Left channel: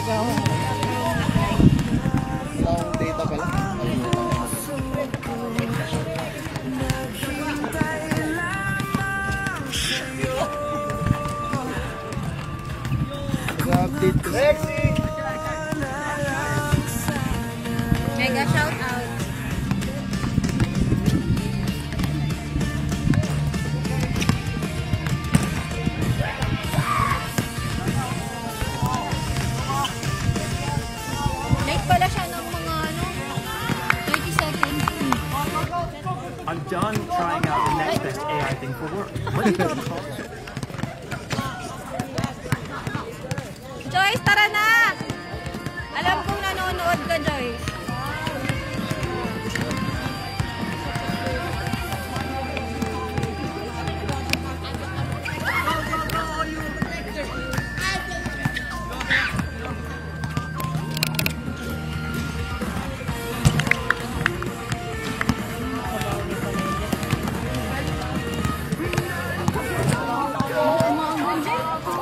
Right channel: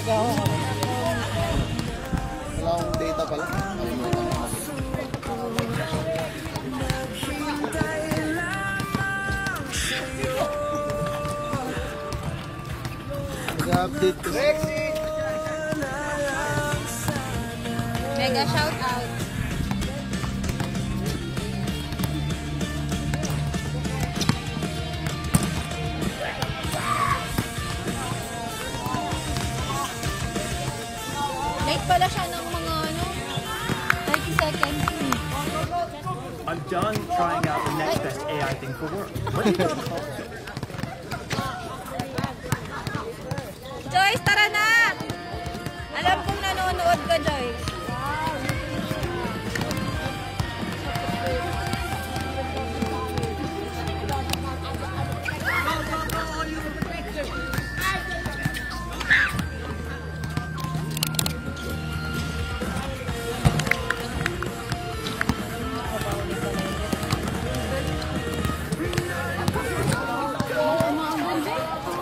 Balik ako. Wala akong data pala. Nag-update ko. Mega shout out. Late pala siya ng mga 30 seconds. I'm done trying out the next best AI thing for work. What do you got? Joyce, tara na! Alam kong nanonood ka, Joyce.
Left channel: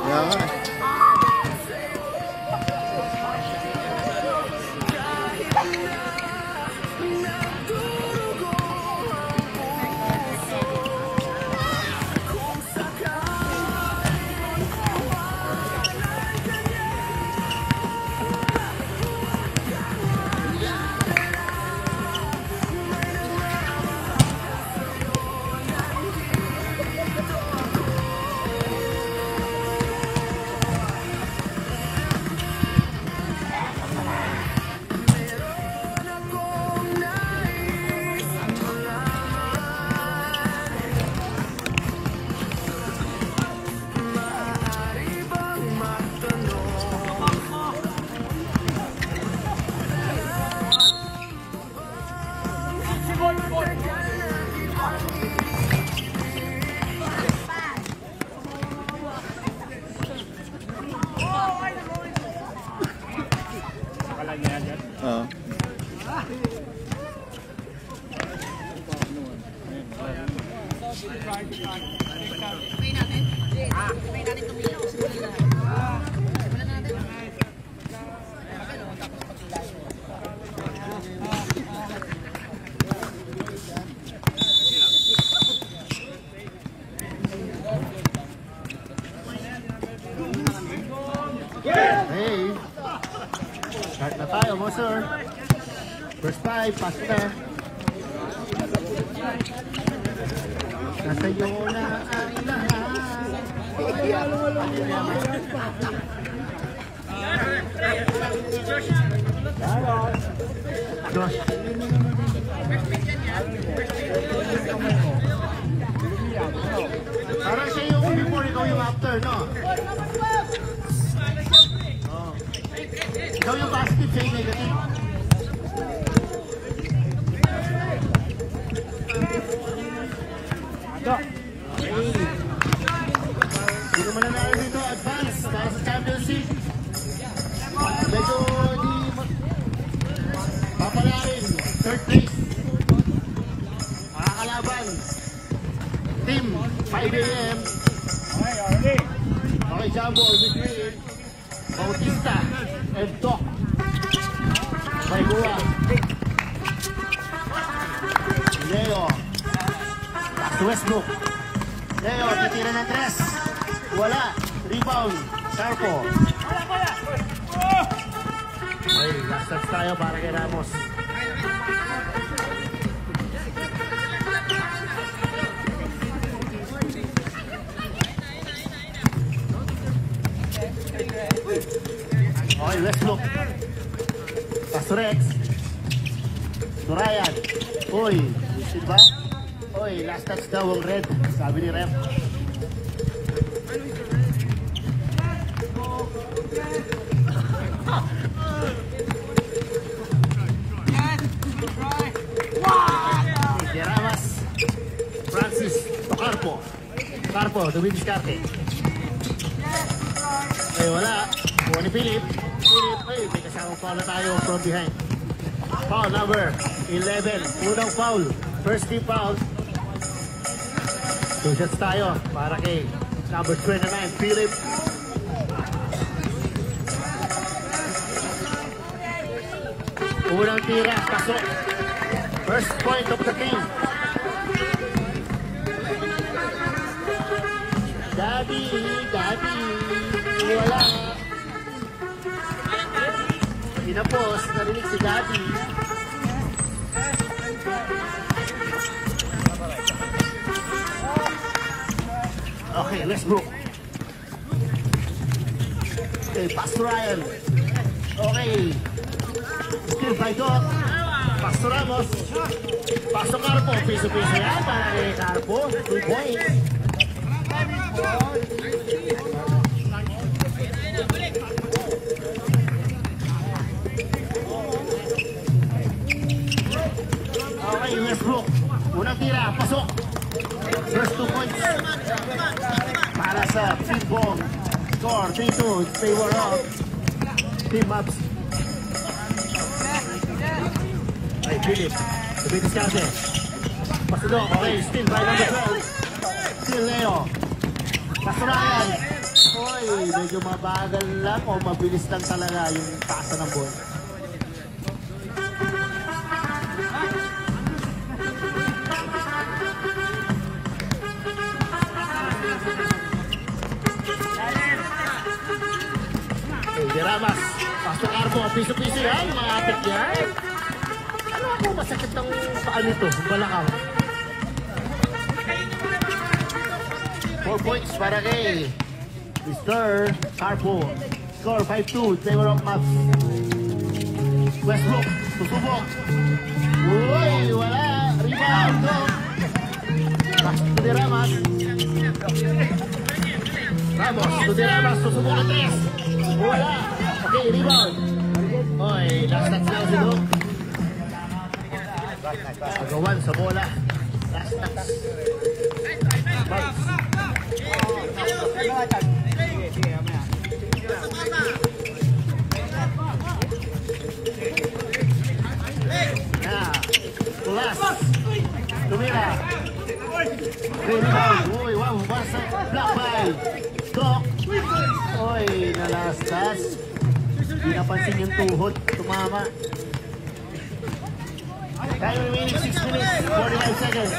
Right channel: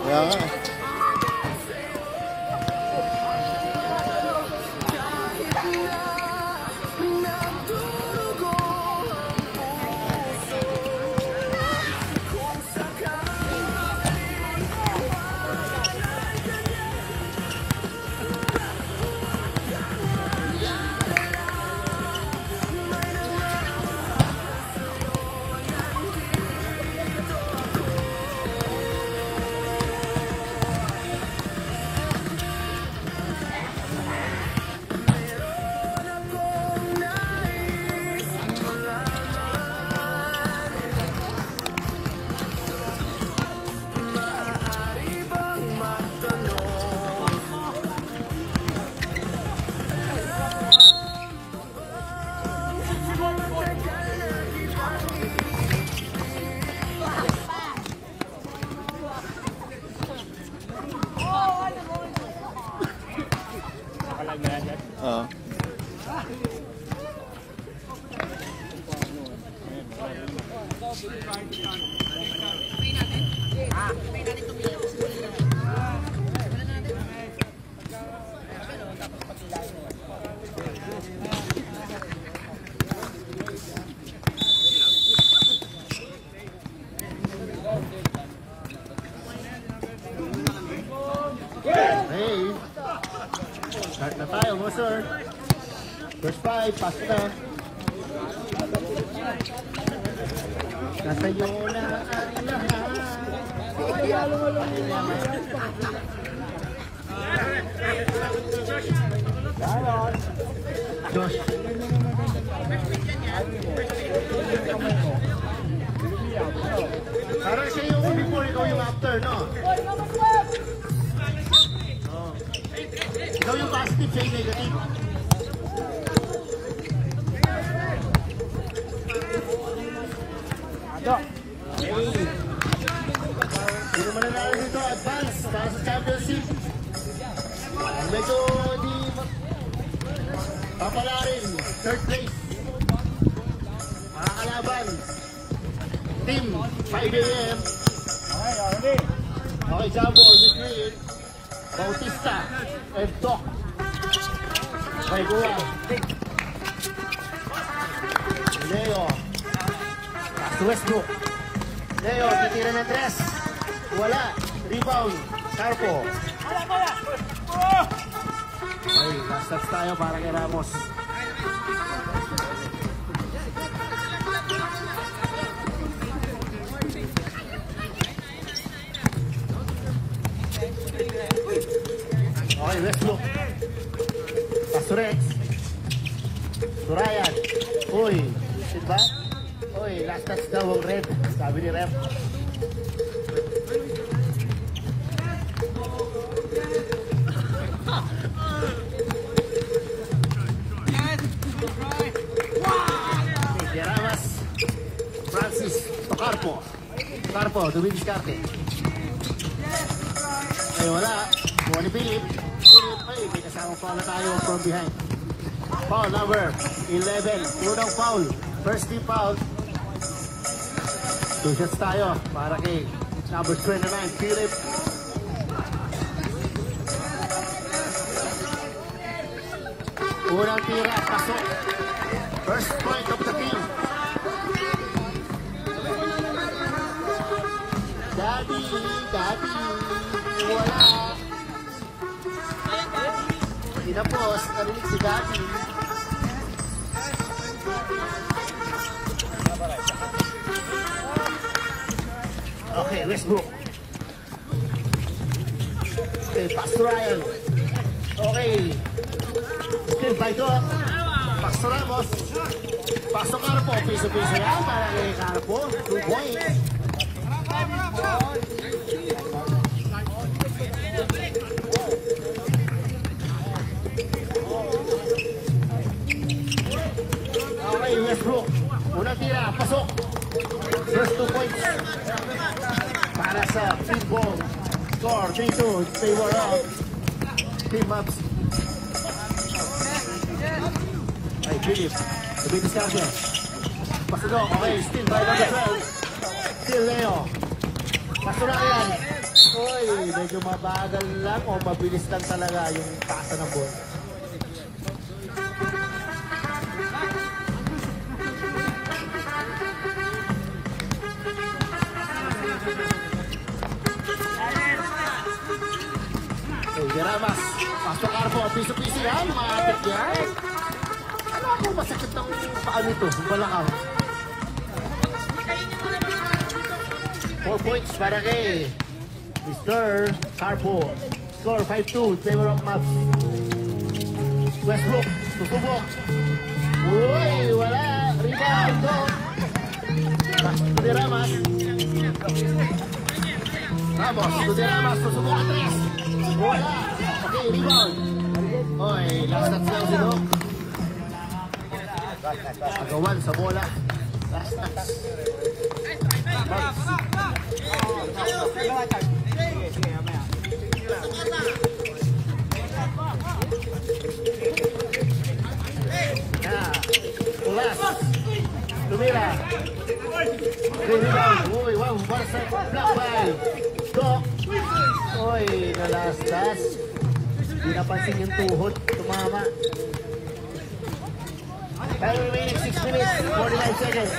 Kaya nga. Hey! Start na tayo, mo sir. First 5, pass na. Nasa iyo na ang lahat. Josh. Parang siya yung before, ikaw yung after, no? Oh. Ikaw yung positive, siya yung negative. Okay. Sino man nanalo dito, advance para sa championship. Medyo di papala rin, third place. Makakalaban. Team, 5 AM. Okay, Jumbo, between Bautista and Doc. Baigura. Leo. Westbrook. Leo, titira ng 3. Wala. Rebound. Sarko. Okay, last touch tayo para kay Ramos. Okay, Westbrook. Pasurex. Surayan. Uy, diba? Uy, last touch daw ang red. Sabi ni Ref. Ramas. Francis Carpo. Carpo, dumidiskarte. Ay, wala. Wala ni Philip. Philip, ay, may kasama foul tayo from behind. Foul number 11. Unang foul. First team foul. 2 shots tayo para kay number 29, Philip. Unang tira, pasok. First point of the team. Daddy, wala. Pinapos, narinig si Daddy. Okay, let's go. Okay, pass to Ryan. Okay. Still by Doc. Pass to Ramos. Pass to Carpo. Piso-piso yan. Para kay Carpo. 2 points. Okay, Westbrook. Unang tira. Pasok. First 2 points. Para sa team ball. Score 3-2. They were up. Team ups. Ay, Philip. Sabi ni Scarpe. Pasok. Okay, still ball on the 12. Still Leo. Pasurayan. Uy, medyo mabagal lang o mabilis lang talaga yung pasa ng ball. Diramas, pasok Carpo, piso-piso yan, maapit yan. Ano ako, masakit ang paa nito, balakang. 4 points para kay Mr. Carpo. Score 5-2, favor of Maps. Westbrook, susubok. Uy, wala, rebound, no. Pasok to Diramas. Ramos, to Diramas, susubok ang 3. Wala. Okay, rebound. Oy, last touch na dito. Pagawan sa bola. Last touch. Bites. Tulas. Tumira. Rebound. Uy, wow, basa. Block by. Block. Oy, nalastas. Hindi napansin yung tuhod. Tumama. Time remaining 6 minutes, 45 seconds.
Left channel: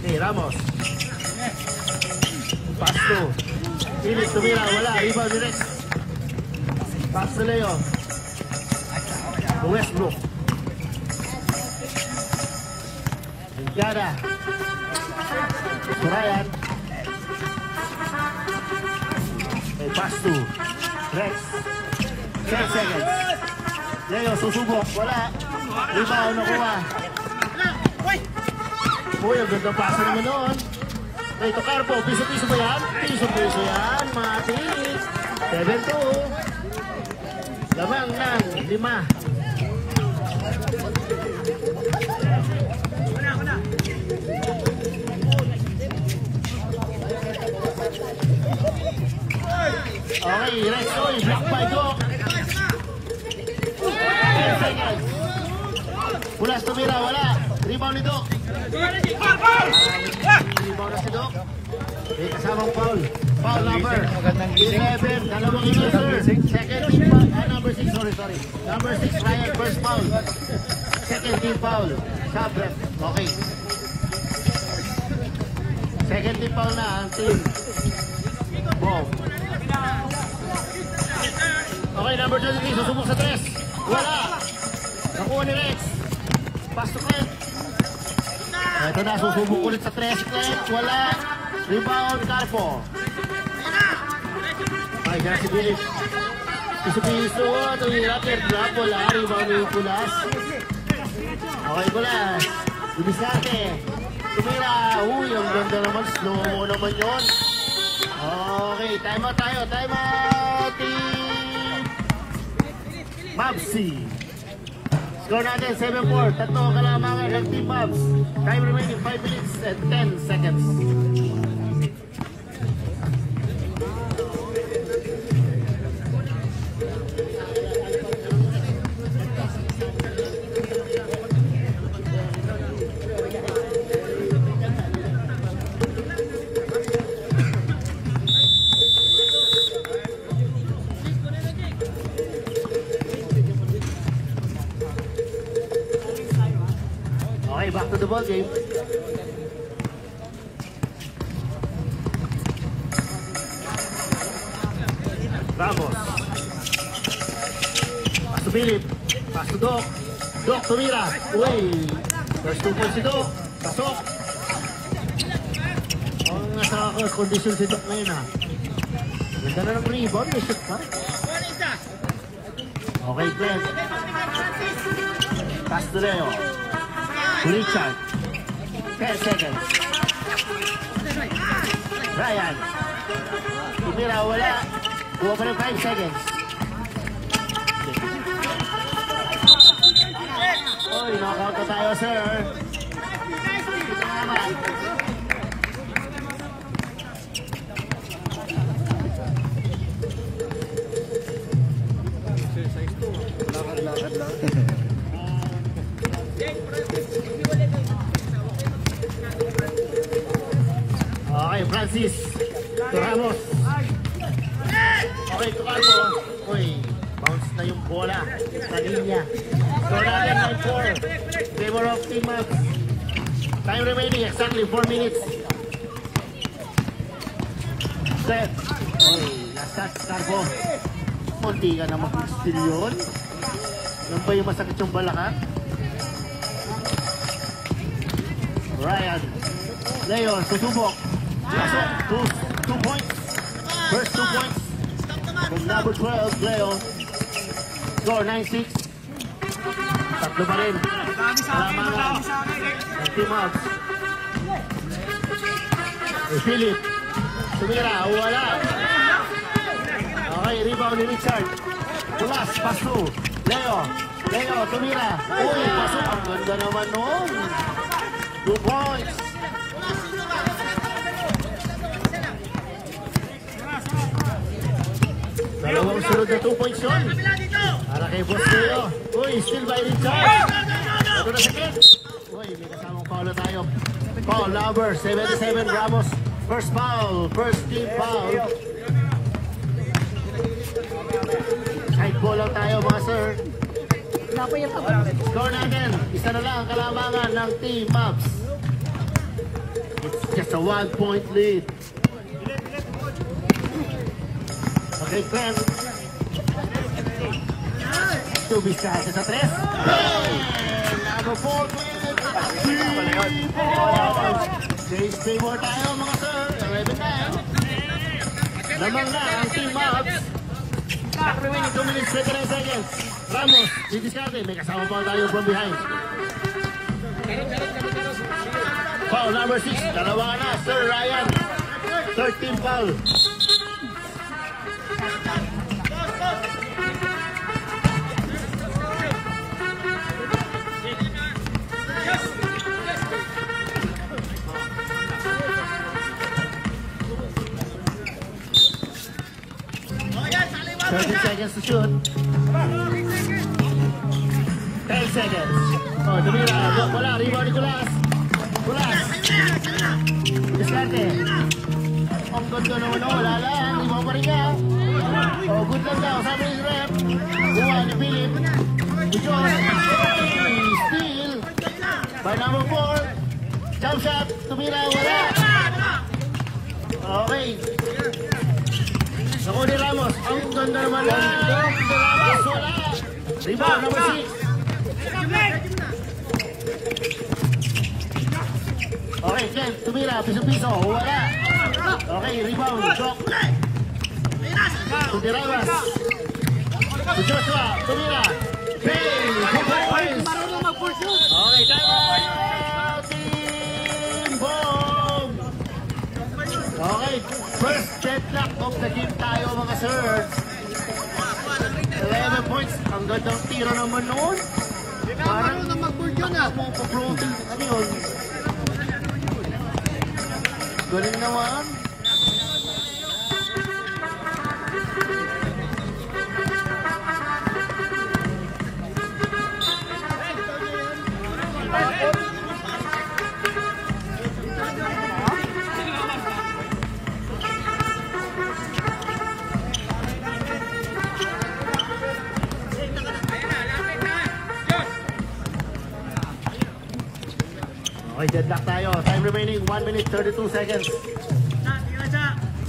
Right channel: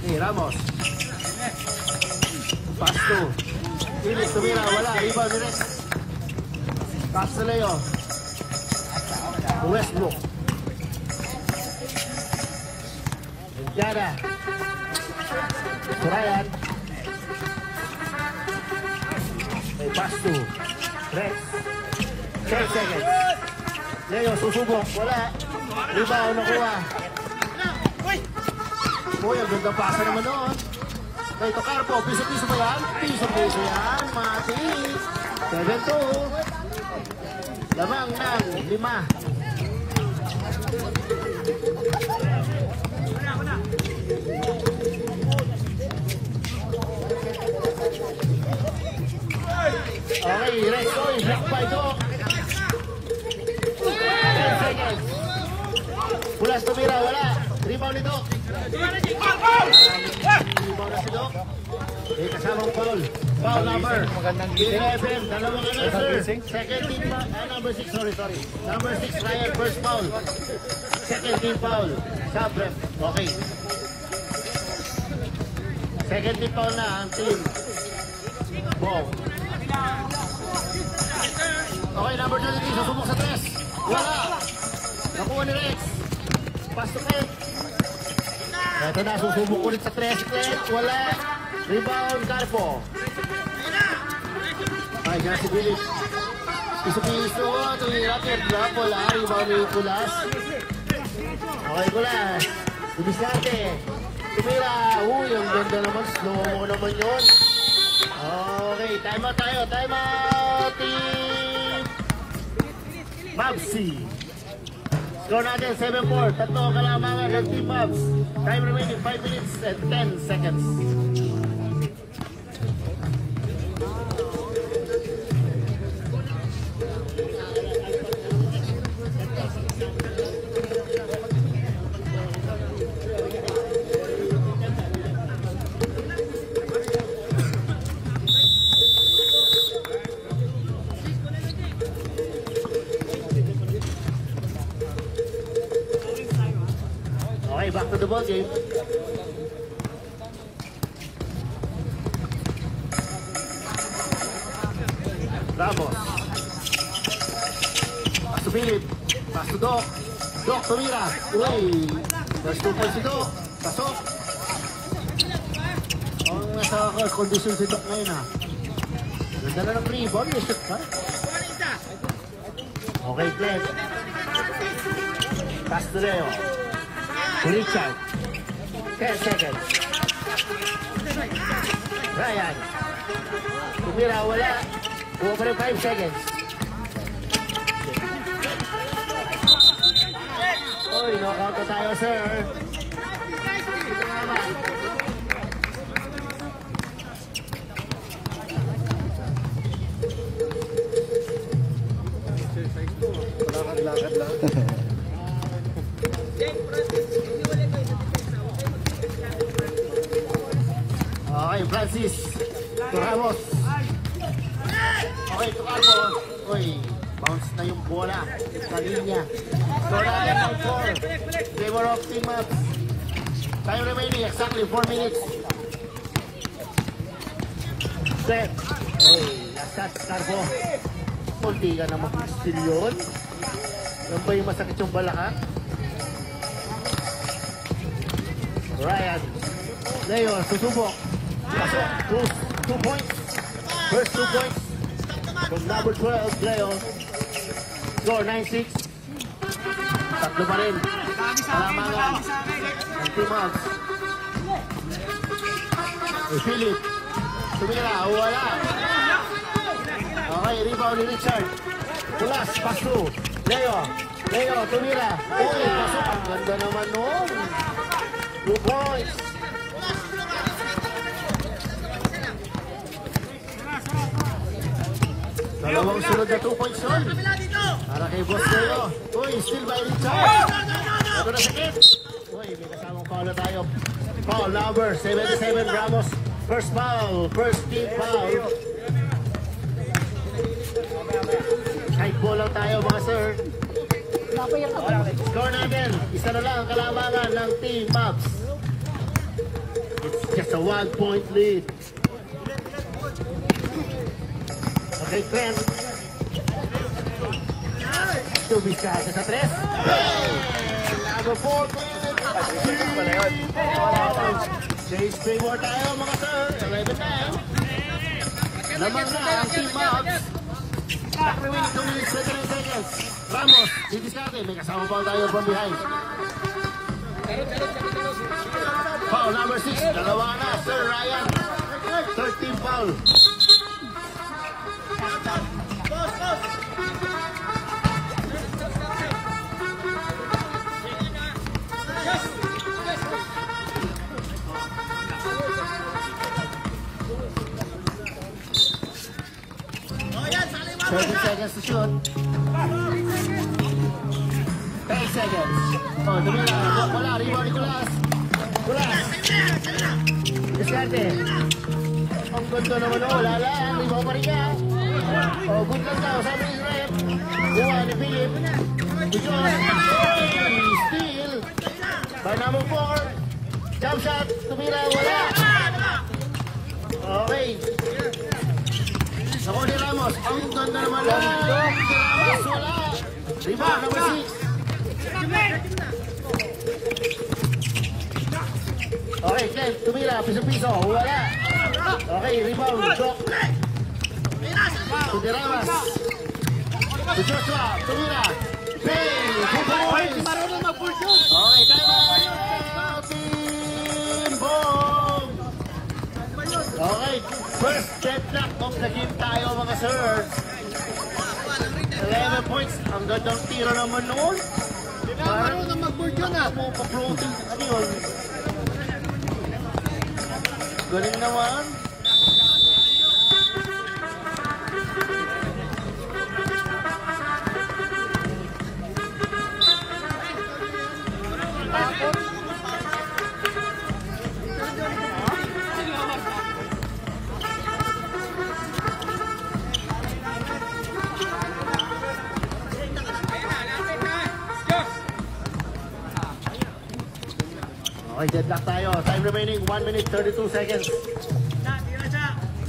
Hey, Ramos. Pass to. Philip, tumira, wala. Rebound direct. Pass to Leo. Westbrook. Indiana. Ryan. Hey, pass to Rex. 10 seconds. Leo, susubok. Wala. Rebound nakuha. Uy, ang ganda paso naman noon. Ito, Carpo. Piso-piso ba yan? Piso-piso yan. Mga team. 7-2. Lamang lang. 5. Okay, let's go. Block by Doc. 10 seconds. Pulas tumira, wala. Rebound ni Doc. Rebound na si Doc. May kasamang foul. Foul number 11. Dalawang sir. Second team foul. Number 6, sorry. Number 6, Ryan, first foul. Second team foul. Sub-ref. Okay. Second team foul na ang team. Boom. Okay, number 23, susubok sa 3. Wala. Nakuha ni Rex. Pass to Craig. Ito na, susubok ulit sa 3. Craig, wala. Rebound, Carpo. Ay, dyan si Philip. Piso-piso. Ito yung racket. Drop, wala. Rebound yung Pulas. Okay, Pulas. Ibisate. Tumira. Uy, ang ganda naman. Slow mo naman yun. Okay, time out tayo. Time out, team Mavs. Score natin 7-4. Tatlo kalamangan ng team Mavs. Time remaining 5 minutes and 10 seconds. Okay, back to the ball game. Ramos. Pass to Philip. Pass to Doc. Doc, tumira. Uy. Best to si Doc. Pasok. Ang nasa kondisyon si Doc ngayon, ha. Ganda na ng rebound. May shoot, ha? Okay, Glenn. Pass to Leo. Richard. 10 seconds. Ryan. Tumira, wala. Buwa pa rin 5 seconds. Uy, nakakata tayo, sir. Lakad-lakad lang. Okay, Francis. Ramos. Okay, Tukago. Uy, bounce na yung bola. Sa linya. Wala 4. Gamer of team up. Time remaining, exactly 4 minutes. Set. Uy, last touch, Carbo. Kunti ka na mag-steal yun. Yan ba yung masakit yung balaka? Ryan. Leo, susubok. 2 points. First 2 points. From number 12, Leo. Score 9-6. Tatlo pa rin. Alamangan. Ang team out. Philip. Tumira. Wala. Okay, rebound ni Richard. Pulas. Pass through. Leo. Leo. Tumira. Uy, pasok. Ang ganda naman nun. 2 points. Dalawang sunod na 2 points yun. Para kay Boss Leo. Uy, still by Richard. Ito na sakit. Uy, may kasamang foul na tayo. Foul number 77 Ramos. First foul. First team foul. Kahit ball lang tayo mga sir. Score natin. Isa na lang ang kalamangan ng Team Mavs. It's just a 1-point lead. Okay, Trent. Tubisado sa 3. Number 14. Stay more tayo mga sir. 11-9. Lamang na ang Team Mavs. 7 seconds. Ramos, Digisate. May kasama pa tayo from behind. Foul number 6. Dalawa na, Sir Ryan. 13 foul. Seconds to shoot. 10 seconds. Oh, wala. Rebound ni Kulas. Kulas. Diskarte. Ang ganda naman o. Wala lang. Ibaw pa rin ka. Oh, good lang daw. Sabi ni Rep. Buhay ni Philip. Bujon. Steal. By number 4. Jump shot. Tumira. Wala. Okay. Ako ni Ramos, ang ganda naman lang. Rebound, number 6. Okay, Ken, tumira, piso-piso, wala. Okay, rebound, Doc. Kudirawas. Kudirawas, tumira. Hey, okay, okay, first deadlock of the game tayo mga sir. 11 points. Ang gandang tira naman noon. Parang mo pa-floating. Ano yun? Galing naman. Okay, deadlock tayo. Time remaining, 1 minute 32 seconds.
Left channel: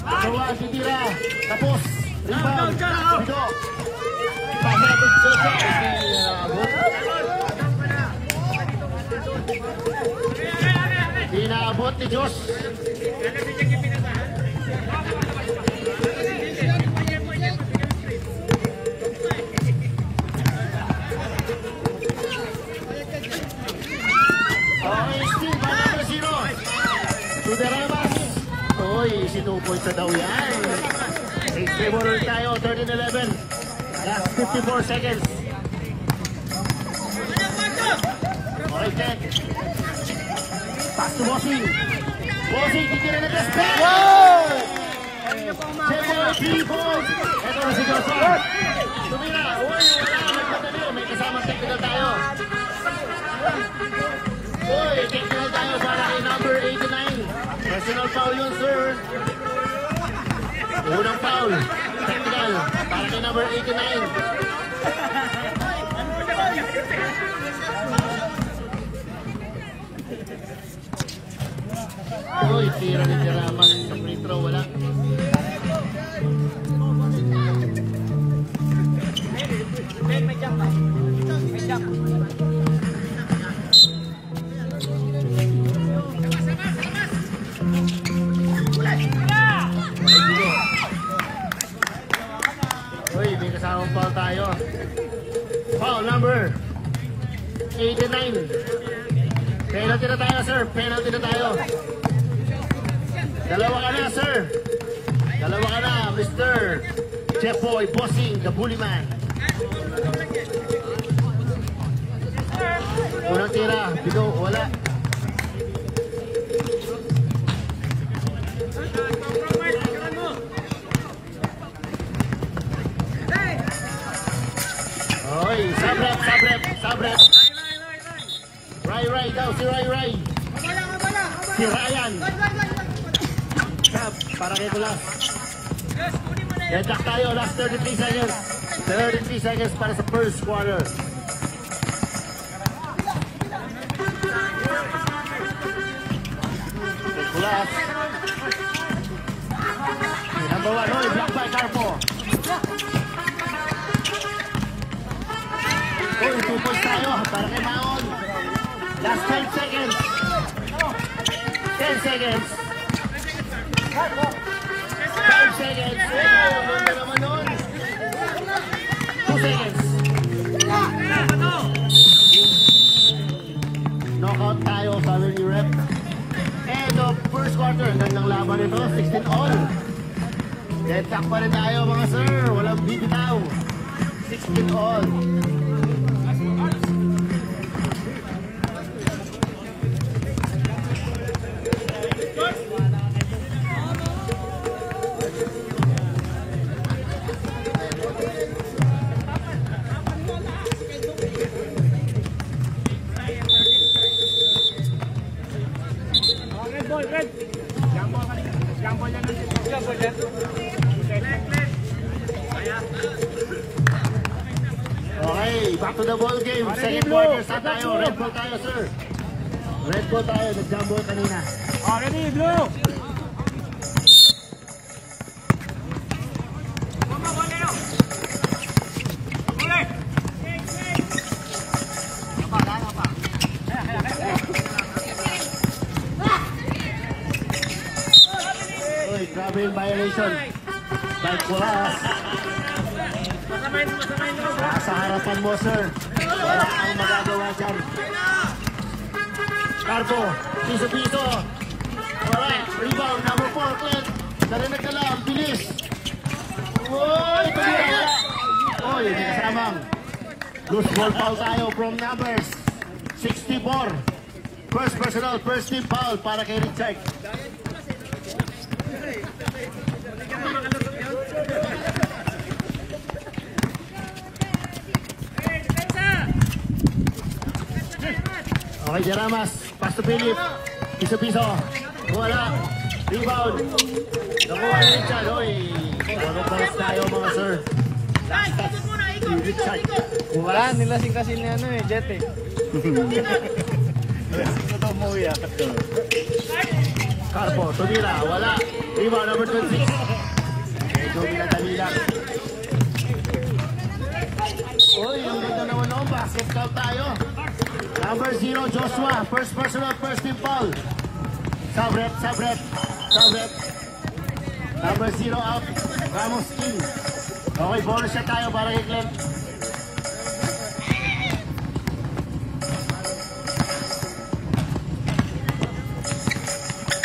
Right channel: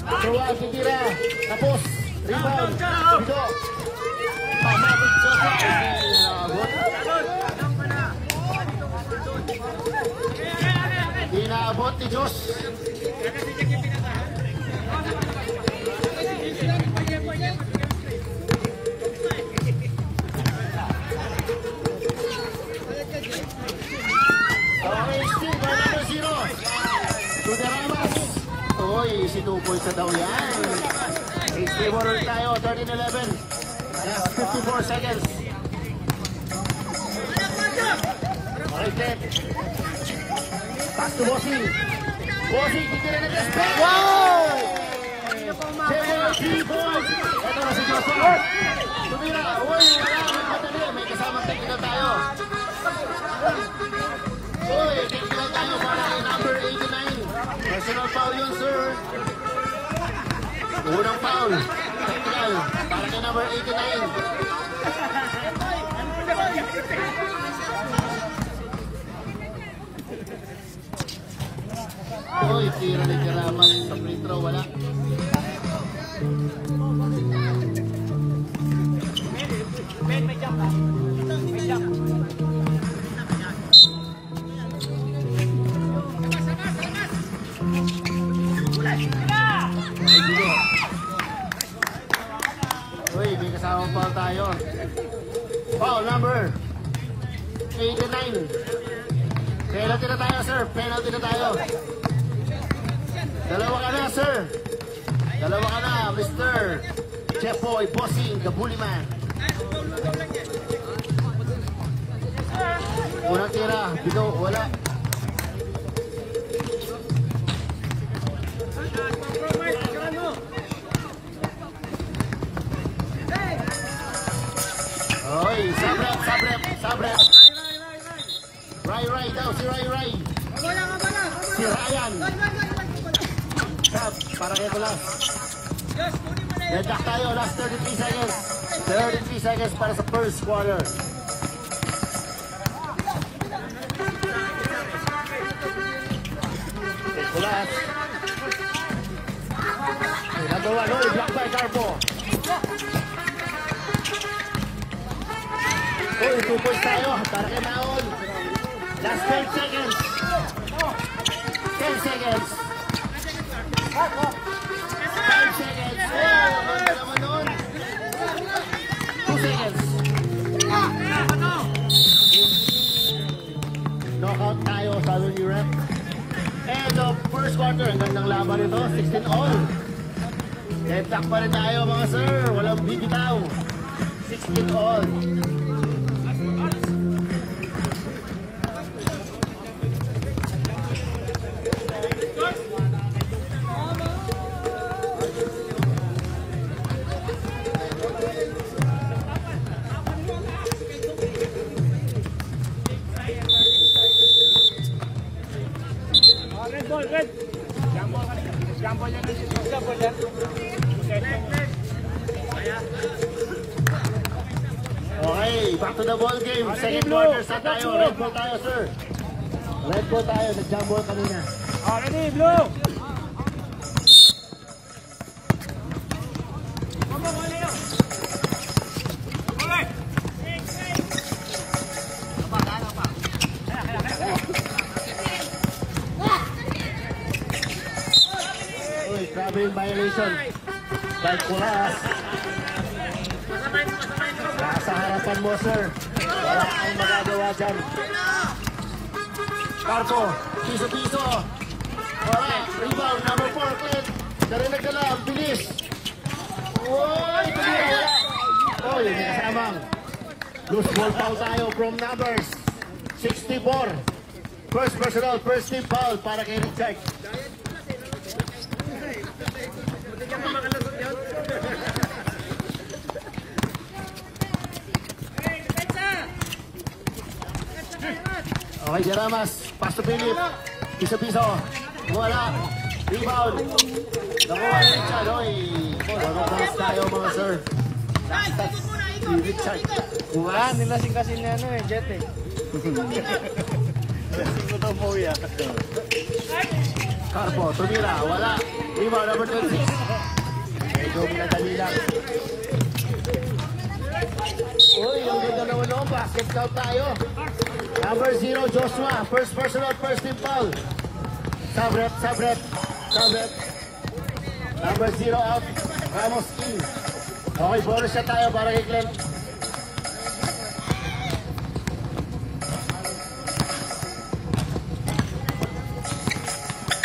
Kawa, titira. Tapos, rebound. Bido. Inaabot ni Diyos. Still by number 0. Sidaramas. Uy, sinupol sa daw yan. 8-3 ulit tayo, 13-11. Last 54 seconds. Okay, Ted. Back to Bossing. Bossing, titira na best pass. Wow! Boy! Ito na si Joseph. Tumira. Uy, may kasama technical tayo. Uy, technical tayo para kay number 89. Personal foul yun, sir. Unang foul. Technical. Para kay number 89. Uy, tira ni Jalaman ng nitro, wala. May jump ba? May jump. Uy, may kasamang foul tayo. Foul number 89. Penalty na tayo, sir. Penalty na tayo. Dalawa ka na, sir. Dalawa ka na, Mr. Chef Boy, Bossing, the bully man. Unang tira, bigo, wala. Oy, sabret. Ray daw, si Ray. Si Ryan. Para kay Bulas. Deadlock tayo, last 33 seconds. 33 seconds para sa first quarter. Bulas. Number 1, Roy, block by Carpo. Uy, 2 points tayo para kay Maon. Last 12 seconds. 10 seconds. 5 seconds. 2 seconds. Knockout tayo, sabi ni Rep. And the first quarter, ang gandang laban nito, 16 all. Deadlock pa rin tayo mga sir, walang bibitaw. 16 all. Red. Jambol ka nila. Jambol yan ng sito. Jambol yan. Okay, back to the ball game. Second quarter, sa tayo. Red ball tayo, sir. Red ball tayo. Nag-jambol kanina. Ready, blue. Grabe yung violation. Dahil pula. Sa harapan mo, sir. Wala kang magagawa dyan. Carpo, piso. Alright, rebound, number 4, Clint. Narinig ka lang, bilis. Uy, tumira, wala. Uy, may kasamang. Loose ball foul tayo from numbers 64. First personal, first team foul para kay Richard. Okay, Jeramas, pass to Philip. Piso. Wala. Rebound. Nakuha rin dyan. Oy, nagpapalas tayo mga sir. Wala, nilasing kasi ni Jet eh. Carpo, tumira, wala. Iba, number 26. Medyo minadali lang. Uy, ang ganda naman mo. Basket count tayo. Number 0, Joshua. First personal, first team foul. Sabrep. Number 0 out. Ramos King. Okay, bonus na tayo para kay Glenn.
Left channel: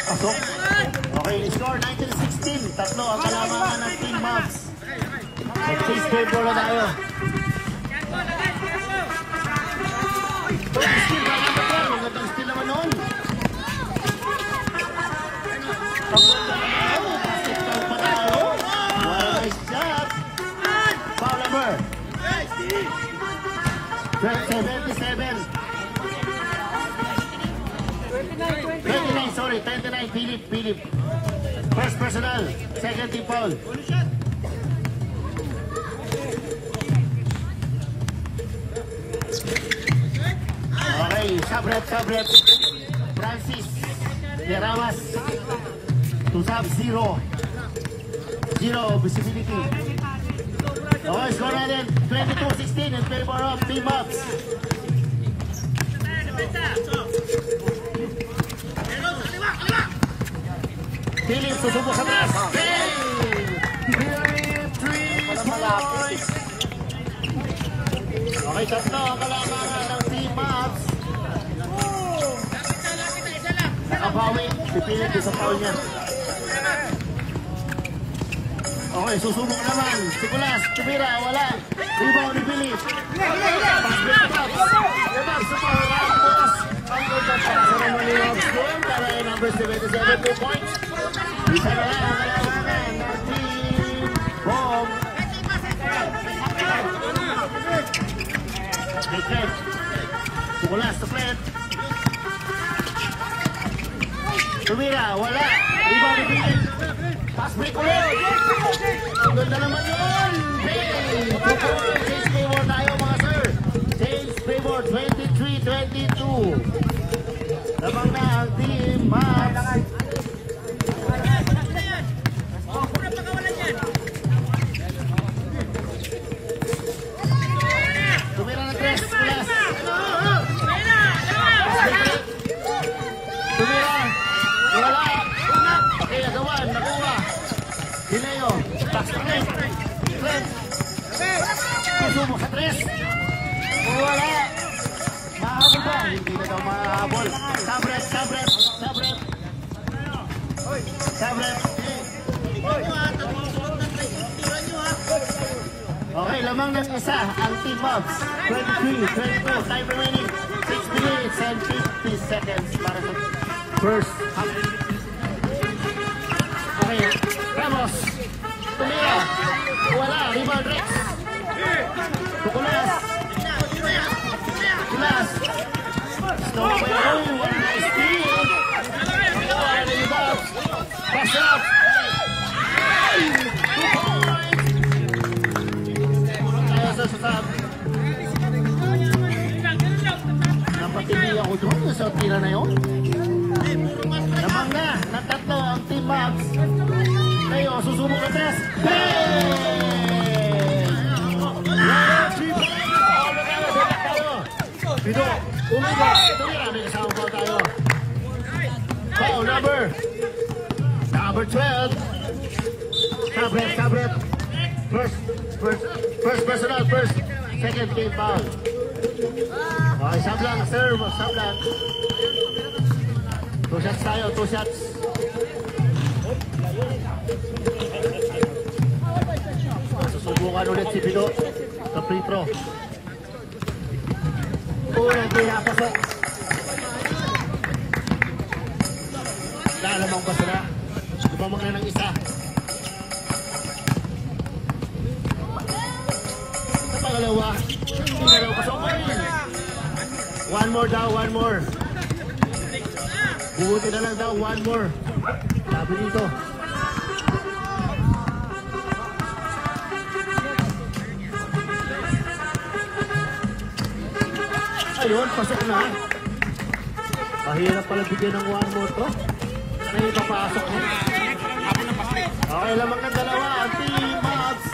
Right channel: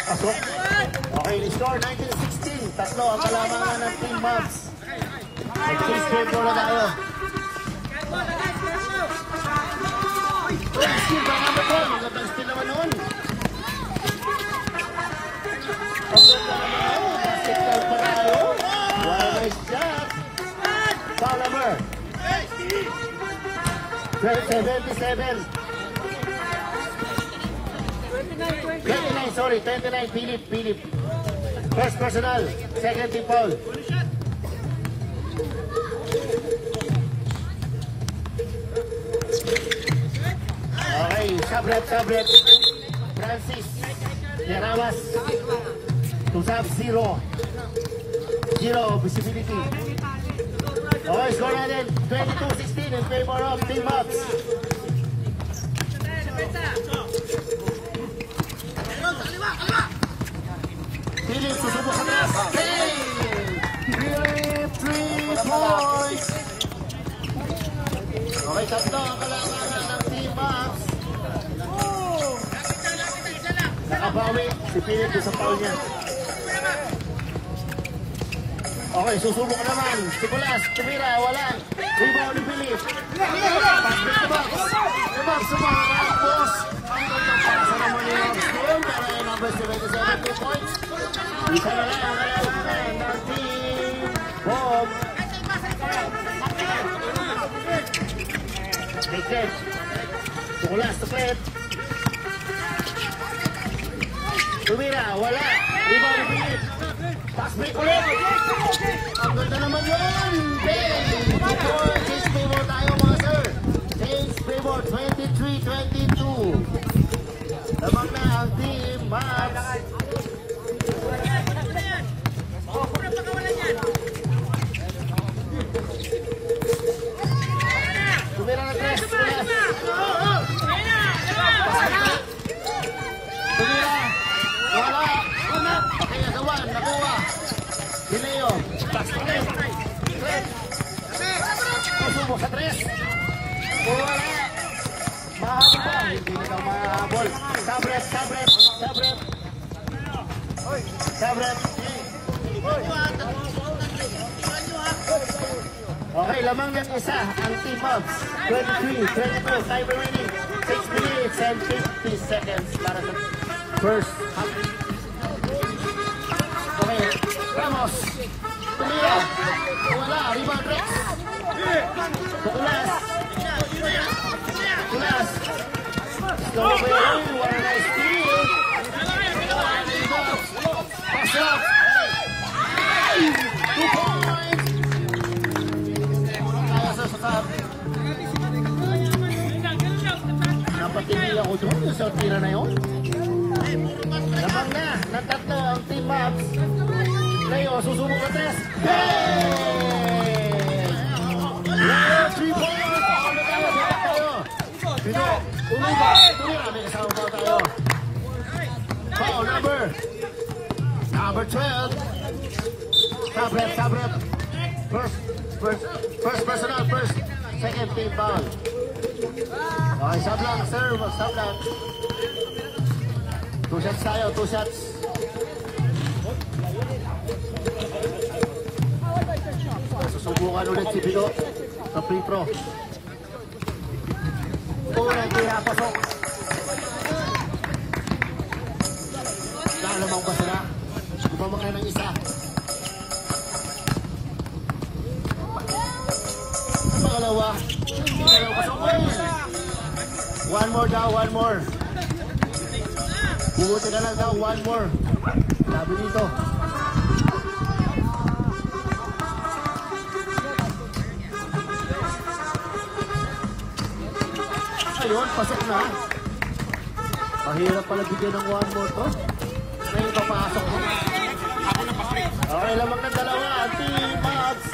Pasok. Okay, score 19-16. Tatlo ang kalamangan ng Team Mavs. Nag-face game ball na tayo. Ang gandang steal naman noon. Basketball pa tayo. Nice shot. Foul number 27. 29, Philip. First personal, second team foul. Okay, Sabrep. Francis, Terawas. To sub 0 visibility. Okay, score natin 22-16 in favor of Team Mavs. Philip, susubok sa taas. Okay, tatlo ang kalamangan ng Team Mavs. Nakabawi, supilip sa taon niya. Okay, susubok naman. Sikulas, tumira, wala. Rebound ni Philip. Isa na lang ang kalamangan ng Team Bomb. Big Sikulas, tuklet. Tumira, wala. Rebound ni Philip. Pass break ulit. Ang ganda naman yun. Change favor 23-22. Lamang na ang Team Mavs. Dineo, taklit. Isumo sa 3. Kung wala, nakahabol. Hindi na daw makahabol. Sabrep. Okay, lamang ng isa ang Team Mavs. 23-22, time remaining 6 minutes and 50 seconds para sa first half. Okay, Ramos. Wala, rebound Rex. Tukulas. Steal. Napatigil ako doon sa tira na yun. Lamang na, nagtatlo ang Team Mavs. Ngayon, susunod ka test. Foul number 12. Tablet. First personal, second team foul. Okay, sablang, serve, sablang. 2 shots tayo, 2 shots. Susubukan ulit si Bilo sa free throw. Unang pinapasok. Lalamang pa sila. Kumamakan ng isa. Ang pangalawa. One more. Bubuti na lang daw, one more. Sabi nito. Ayun, pasok na. Mahirap pala bigyan ng 1 more to. Ngayon papasok mo. Okay, lamang ng dalawa. Team Mavs.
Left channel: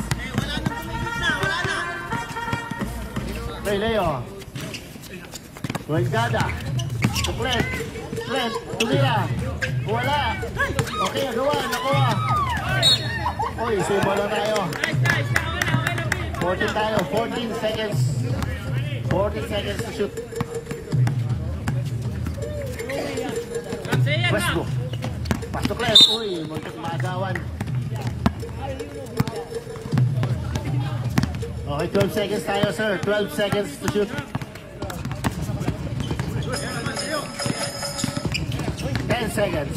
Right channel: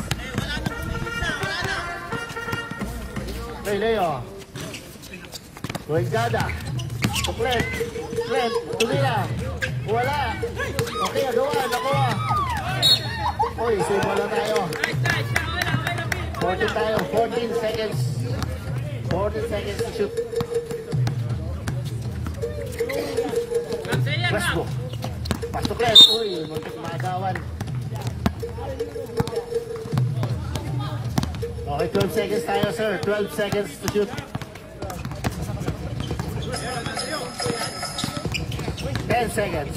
Okay, Leo. Ruengada. Fred. Tumira. Wala. Okay, nagawa. Uy, sumalo tayo. 14 tayo. 14 seconds. 14 seconds to shoot. Westbrook. Pasok Fred. Uy, muntik maagawan. Okay, 12 seconds tayo, sir. 12 seconds to shoot. 10 seconds.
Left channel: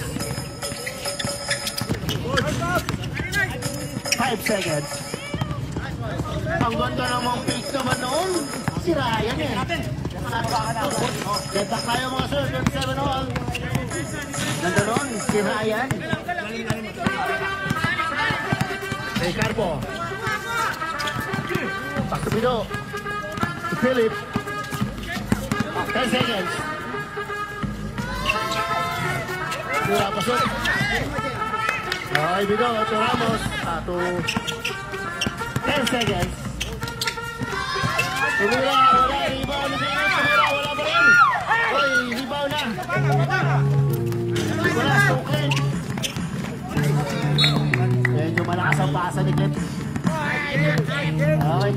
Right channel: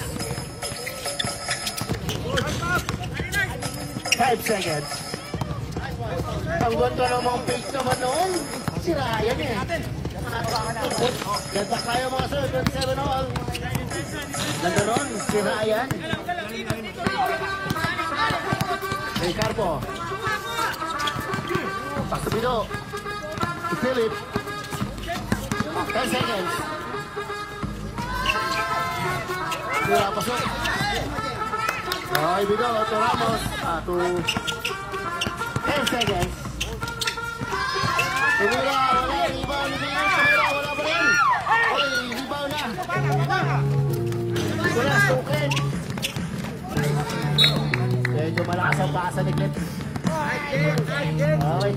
5 seconds. Ang ganda namang fake naman noon. Sira yan eh. Ganda kayo mga sir. 27 noon. Ganda noon. Sira yan. Ricardo. Pasipino. Si Philip. 10 seconds. Wala pa siya. Okay, Bido. Ito Ramos. 10 seconds. Tumira. Wala. Rebound na. Wala pa rin. Ay, rebound na. Nicolas, okay. Medyo malakas ang pasa ni Kit. Okay.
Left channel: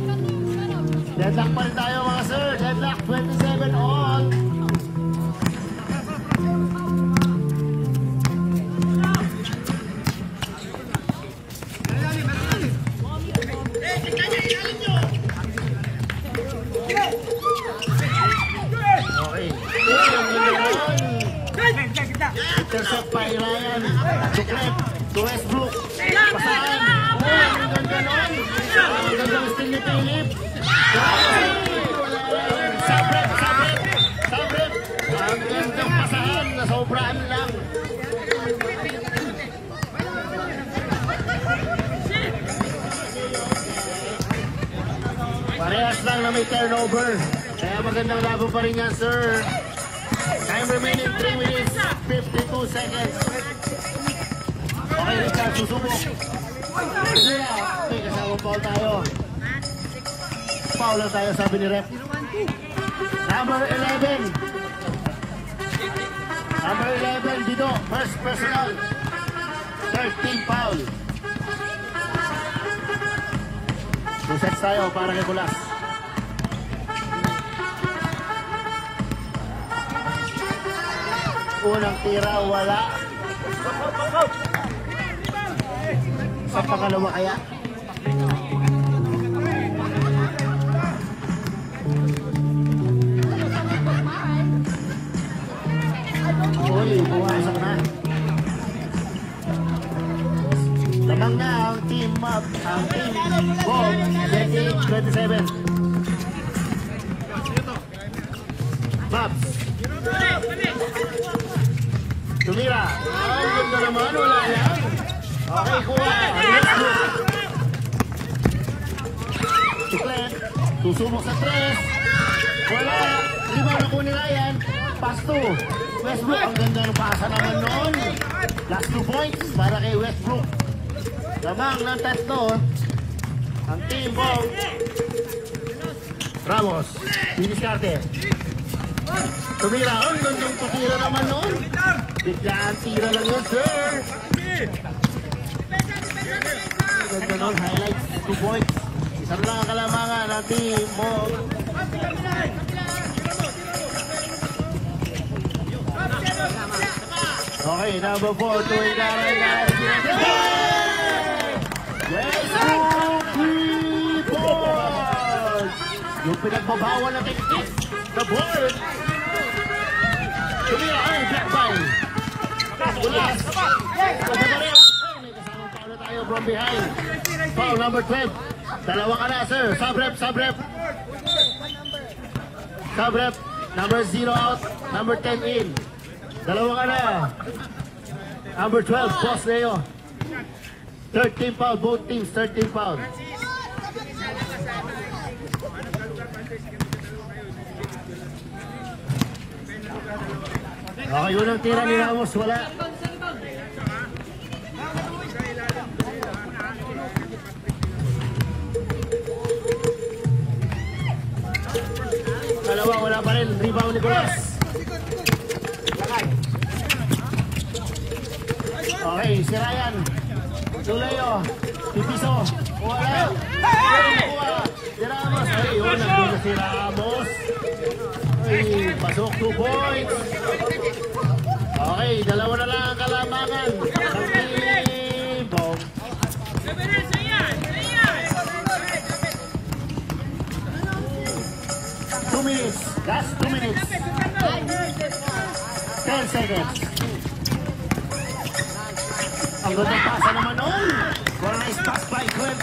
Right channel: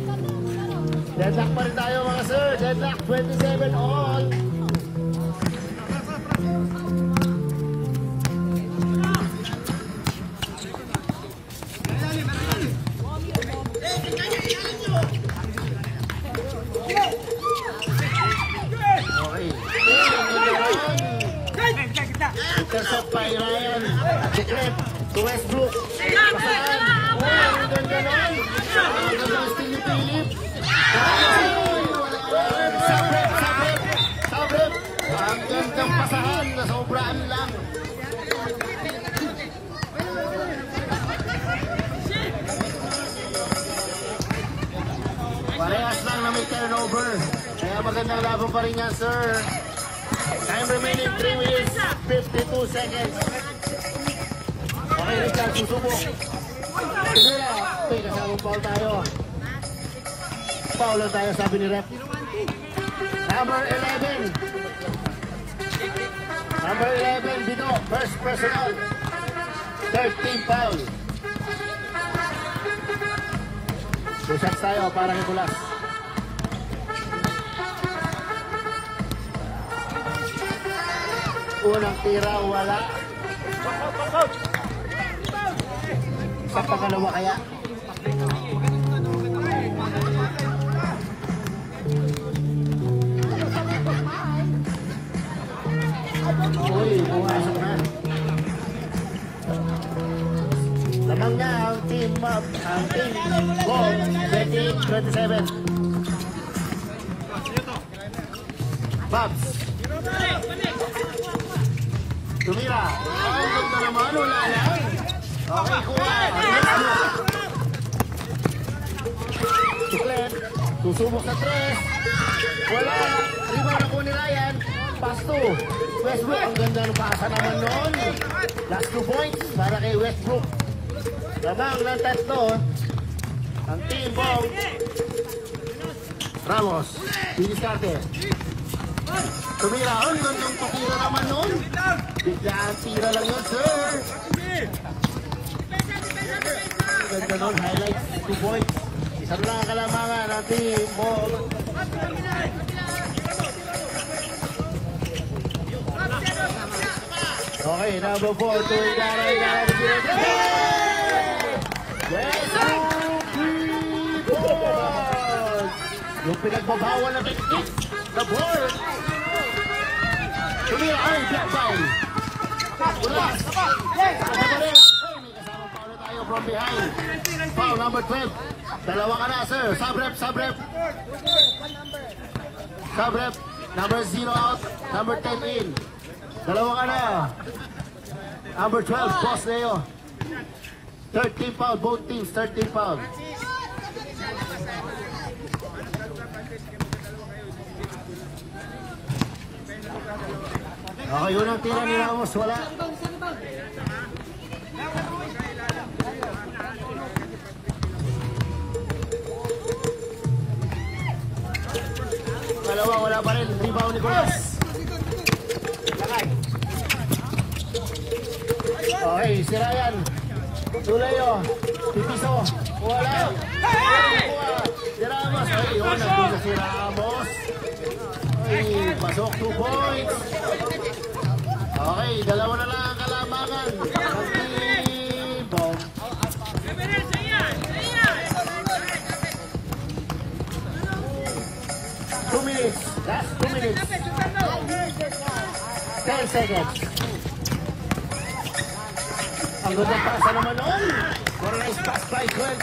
Deadlock pa rin tayo mga sir. Deadlock 27 all. Intercept by Ryan. Ducret. To Westbrook. Ang ganon. Ang gusto ni Philip. Sabret. Ang instant pasahan. Sobrang lang. Parehas lang na may turnover. Kaya magandang laban pa rin yan, sir. Time remaining 3 minutes, 52 seconds. Okay, Richard, susubo. Okay, kasayang foul tayo. Foul lang tayo, sabi ni Rep. Number 11. Number 11, Bido. First personal. 13 foul. 2 shots tayo para kay Bulas. Unang tira, wala. Sa pangalawa kaya. Uy, muna sa naman. Lamang na ang team up. Ang team ball. 28-27. Bucks. Tumira. Susubok sa 3. Wala. Lima na po nila yan. Pass 2. Westbrook. Ang ganda ng pasa naman noon. Last 2 points para kay Westbrook. Lamang ng tatlo. Ang team ball. Ramos. Pinisate. Tumira. Ang gandang titira naman noon. Bigla ang tira lang yun, sir. Ganda nun, highlights, 2 points. Isang lang ang kalamangan ng team ball. Okay, number 4, tuwing garay. Yung pinagbabawal na benefit, the ball. Tumira ang black ball. From behind. Foul number 12. Dalawa ka na, sir. Subrep. Subrep. Number 0 out. Number 10 in. Dalawa ka na. Number 12. Cross Leo. 13 foul. Both teams 13 foul. Okay, unang tira ni Ramos, wala. Dalawa, wala pa rin. Rebound ni Cross. Okay, si Ryan. Tuloyo. Pipiso. Wala. Si Ramos. Ay, yun. Nagdulo si Ramos. Ay, pasok 2 points. Okay, dalawa na lang ang kalamangan. Bong. 2 minutes. Last 2 minutes. 10 seconds. Ang gandang pasa naman nun. One nice pass by Clint.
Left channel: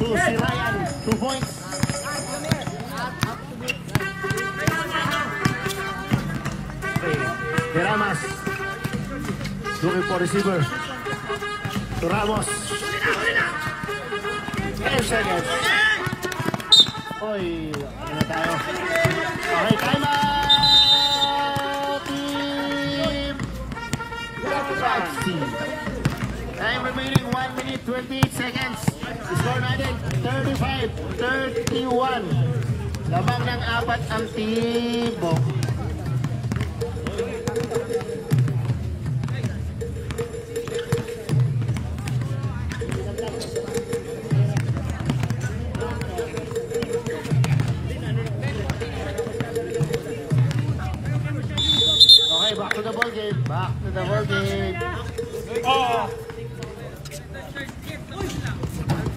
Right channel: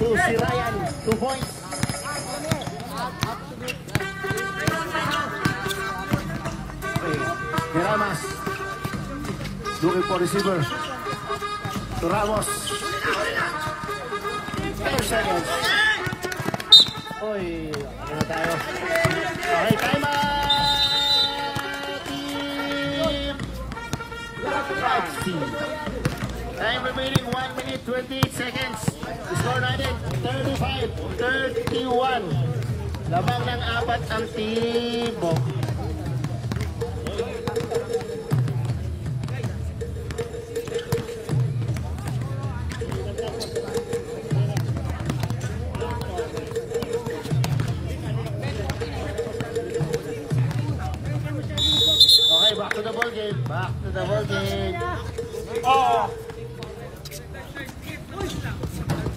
To si Ryan. 2 points. Ramos looking for receiver to Ramos. 10 seconds. Oy, ano na tayo? Okay, time out! Team! Let's see. Time remaining 1 minute 28 seconds. Score natin 35-31. Labang ng 4 ang Tibok. Back to the ball game. Back to the ball game. Oh!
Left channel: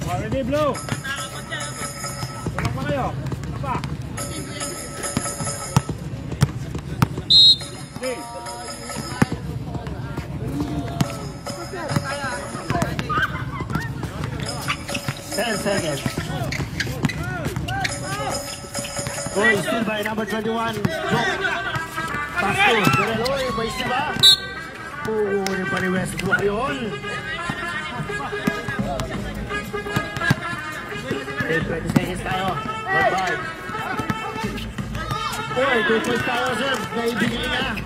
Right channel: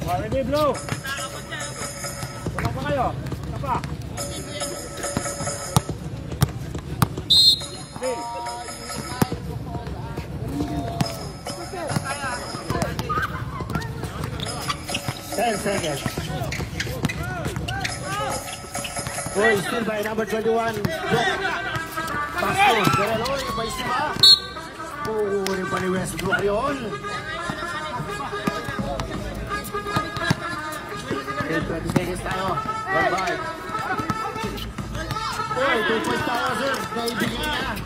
Ready, Blue? Wala pa kayo? Wala pa? Okay. 10 seconds. Goal still by number 21. Pasto, Guerrero, by Saba. Kunin pa ni Westbrook yun. Okay, 20 seconds tayo. Bye-bye. Okay, 2,000. Naibigay na.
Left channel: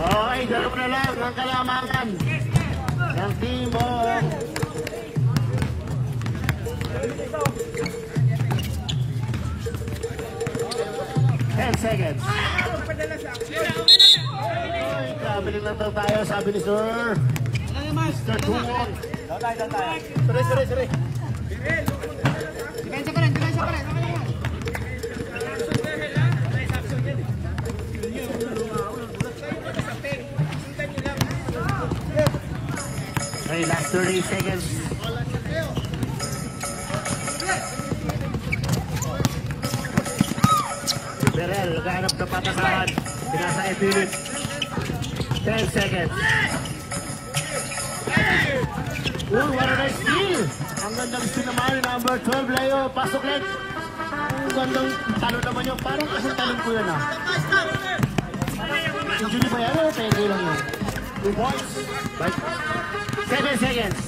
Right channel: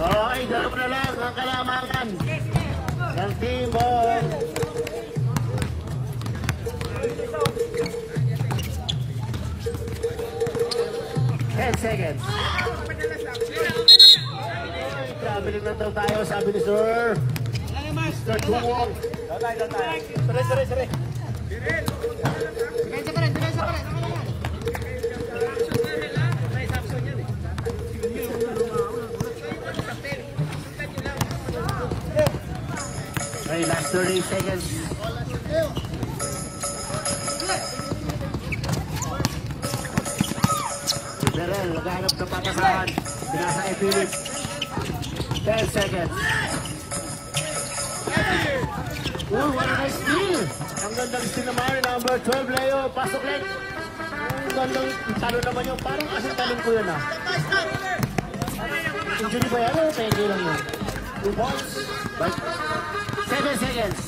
Okay, darap na lang ang kalamangan ng Timbong. 10 seconds. Traveling lang daw tayo, sabi ni Sir. Step 1. Sere. Okay, last 30 seconds. Darrell, naghahanap ng patasahan. Binasa ay Phillips. 10 seconds. What a nice steal! Ang gandang sinamay, number 12 Leo. Pasok ulit. Ang gandang talon naman yung parang asang talon ko yun ah. Hindi ko yan, pwede lang yun. 2 points. 7 seconds.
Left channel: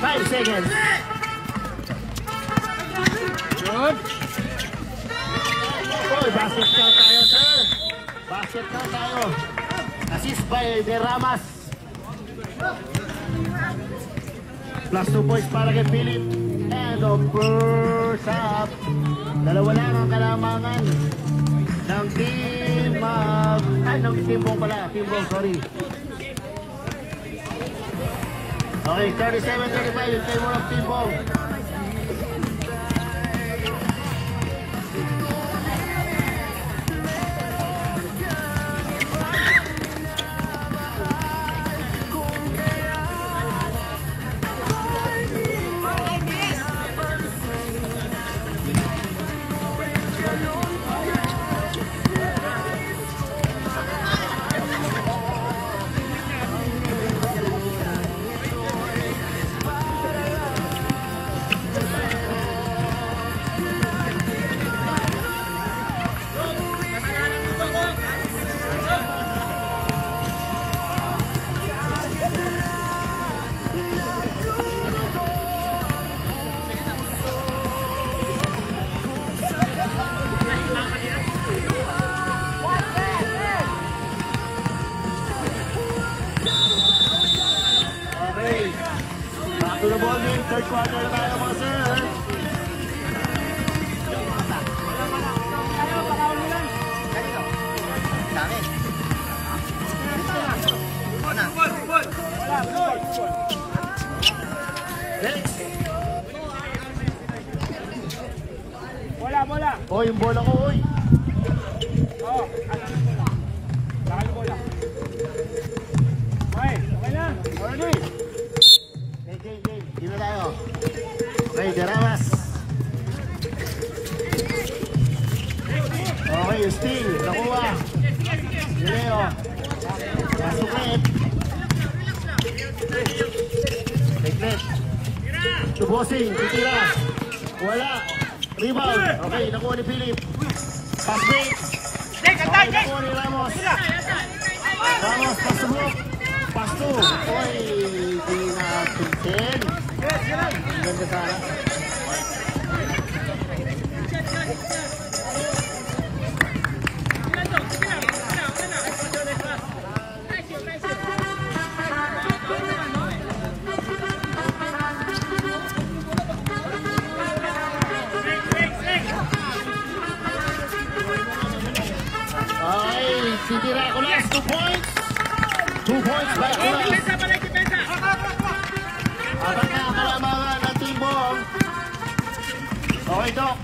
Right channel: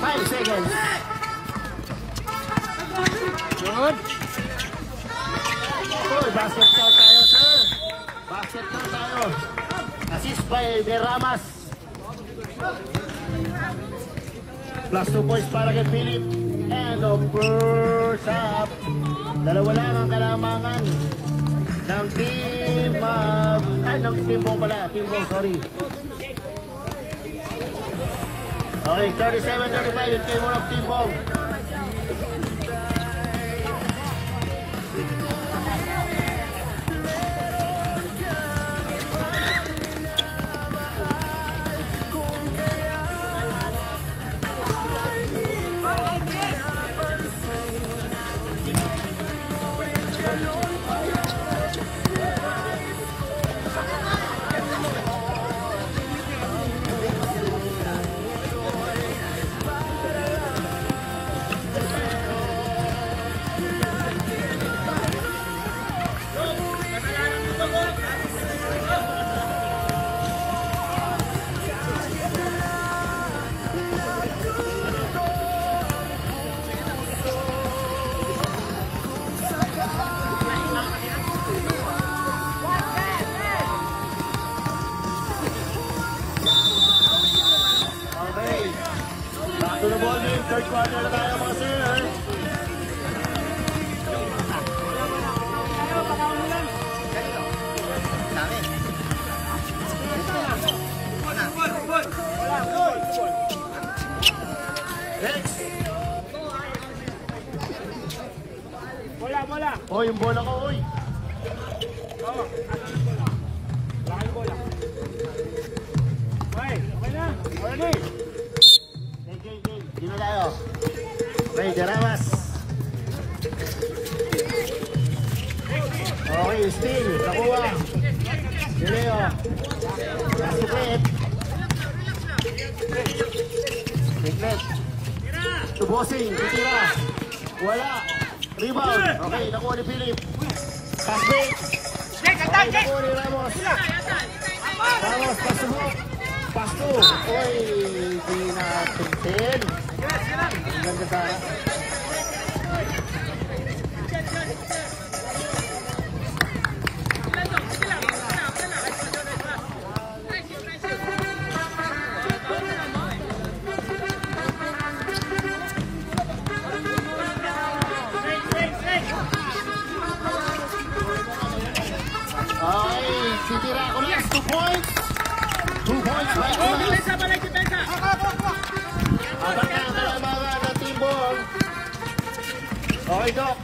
5 seconds. Good. Basket na tayo. Basket na tayo. Assist by Ramas. Plus 2 points para kay Philip. And of first up. Dalawa lang ang kalamangan ng team ng Timbong pala. Timbong, sorry. Okay, 37-35 yung team ng Timbong. quarter na tayo mga sir. Bola. Oh, yung bola ko, oy. Oh, laki yung bola. Okay na. Okay. Game. Dito na tayo. Okay, Daramas. Okay, Sting. Nakuha. Leo. Nasukit. Teknik. Subosing. Titira. Wala. Rebound. Okay, nakuha ni Philip. Pass break. Okay, nakuha ni Ramos. Ramos, pass to block. Pass to. Okay, di na pinsin. Ang ganda pa. Titira ko lang, 2 points. 2 points by Chris. Abang na ang kalamangan ng Team Bong. Okay, Doc.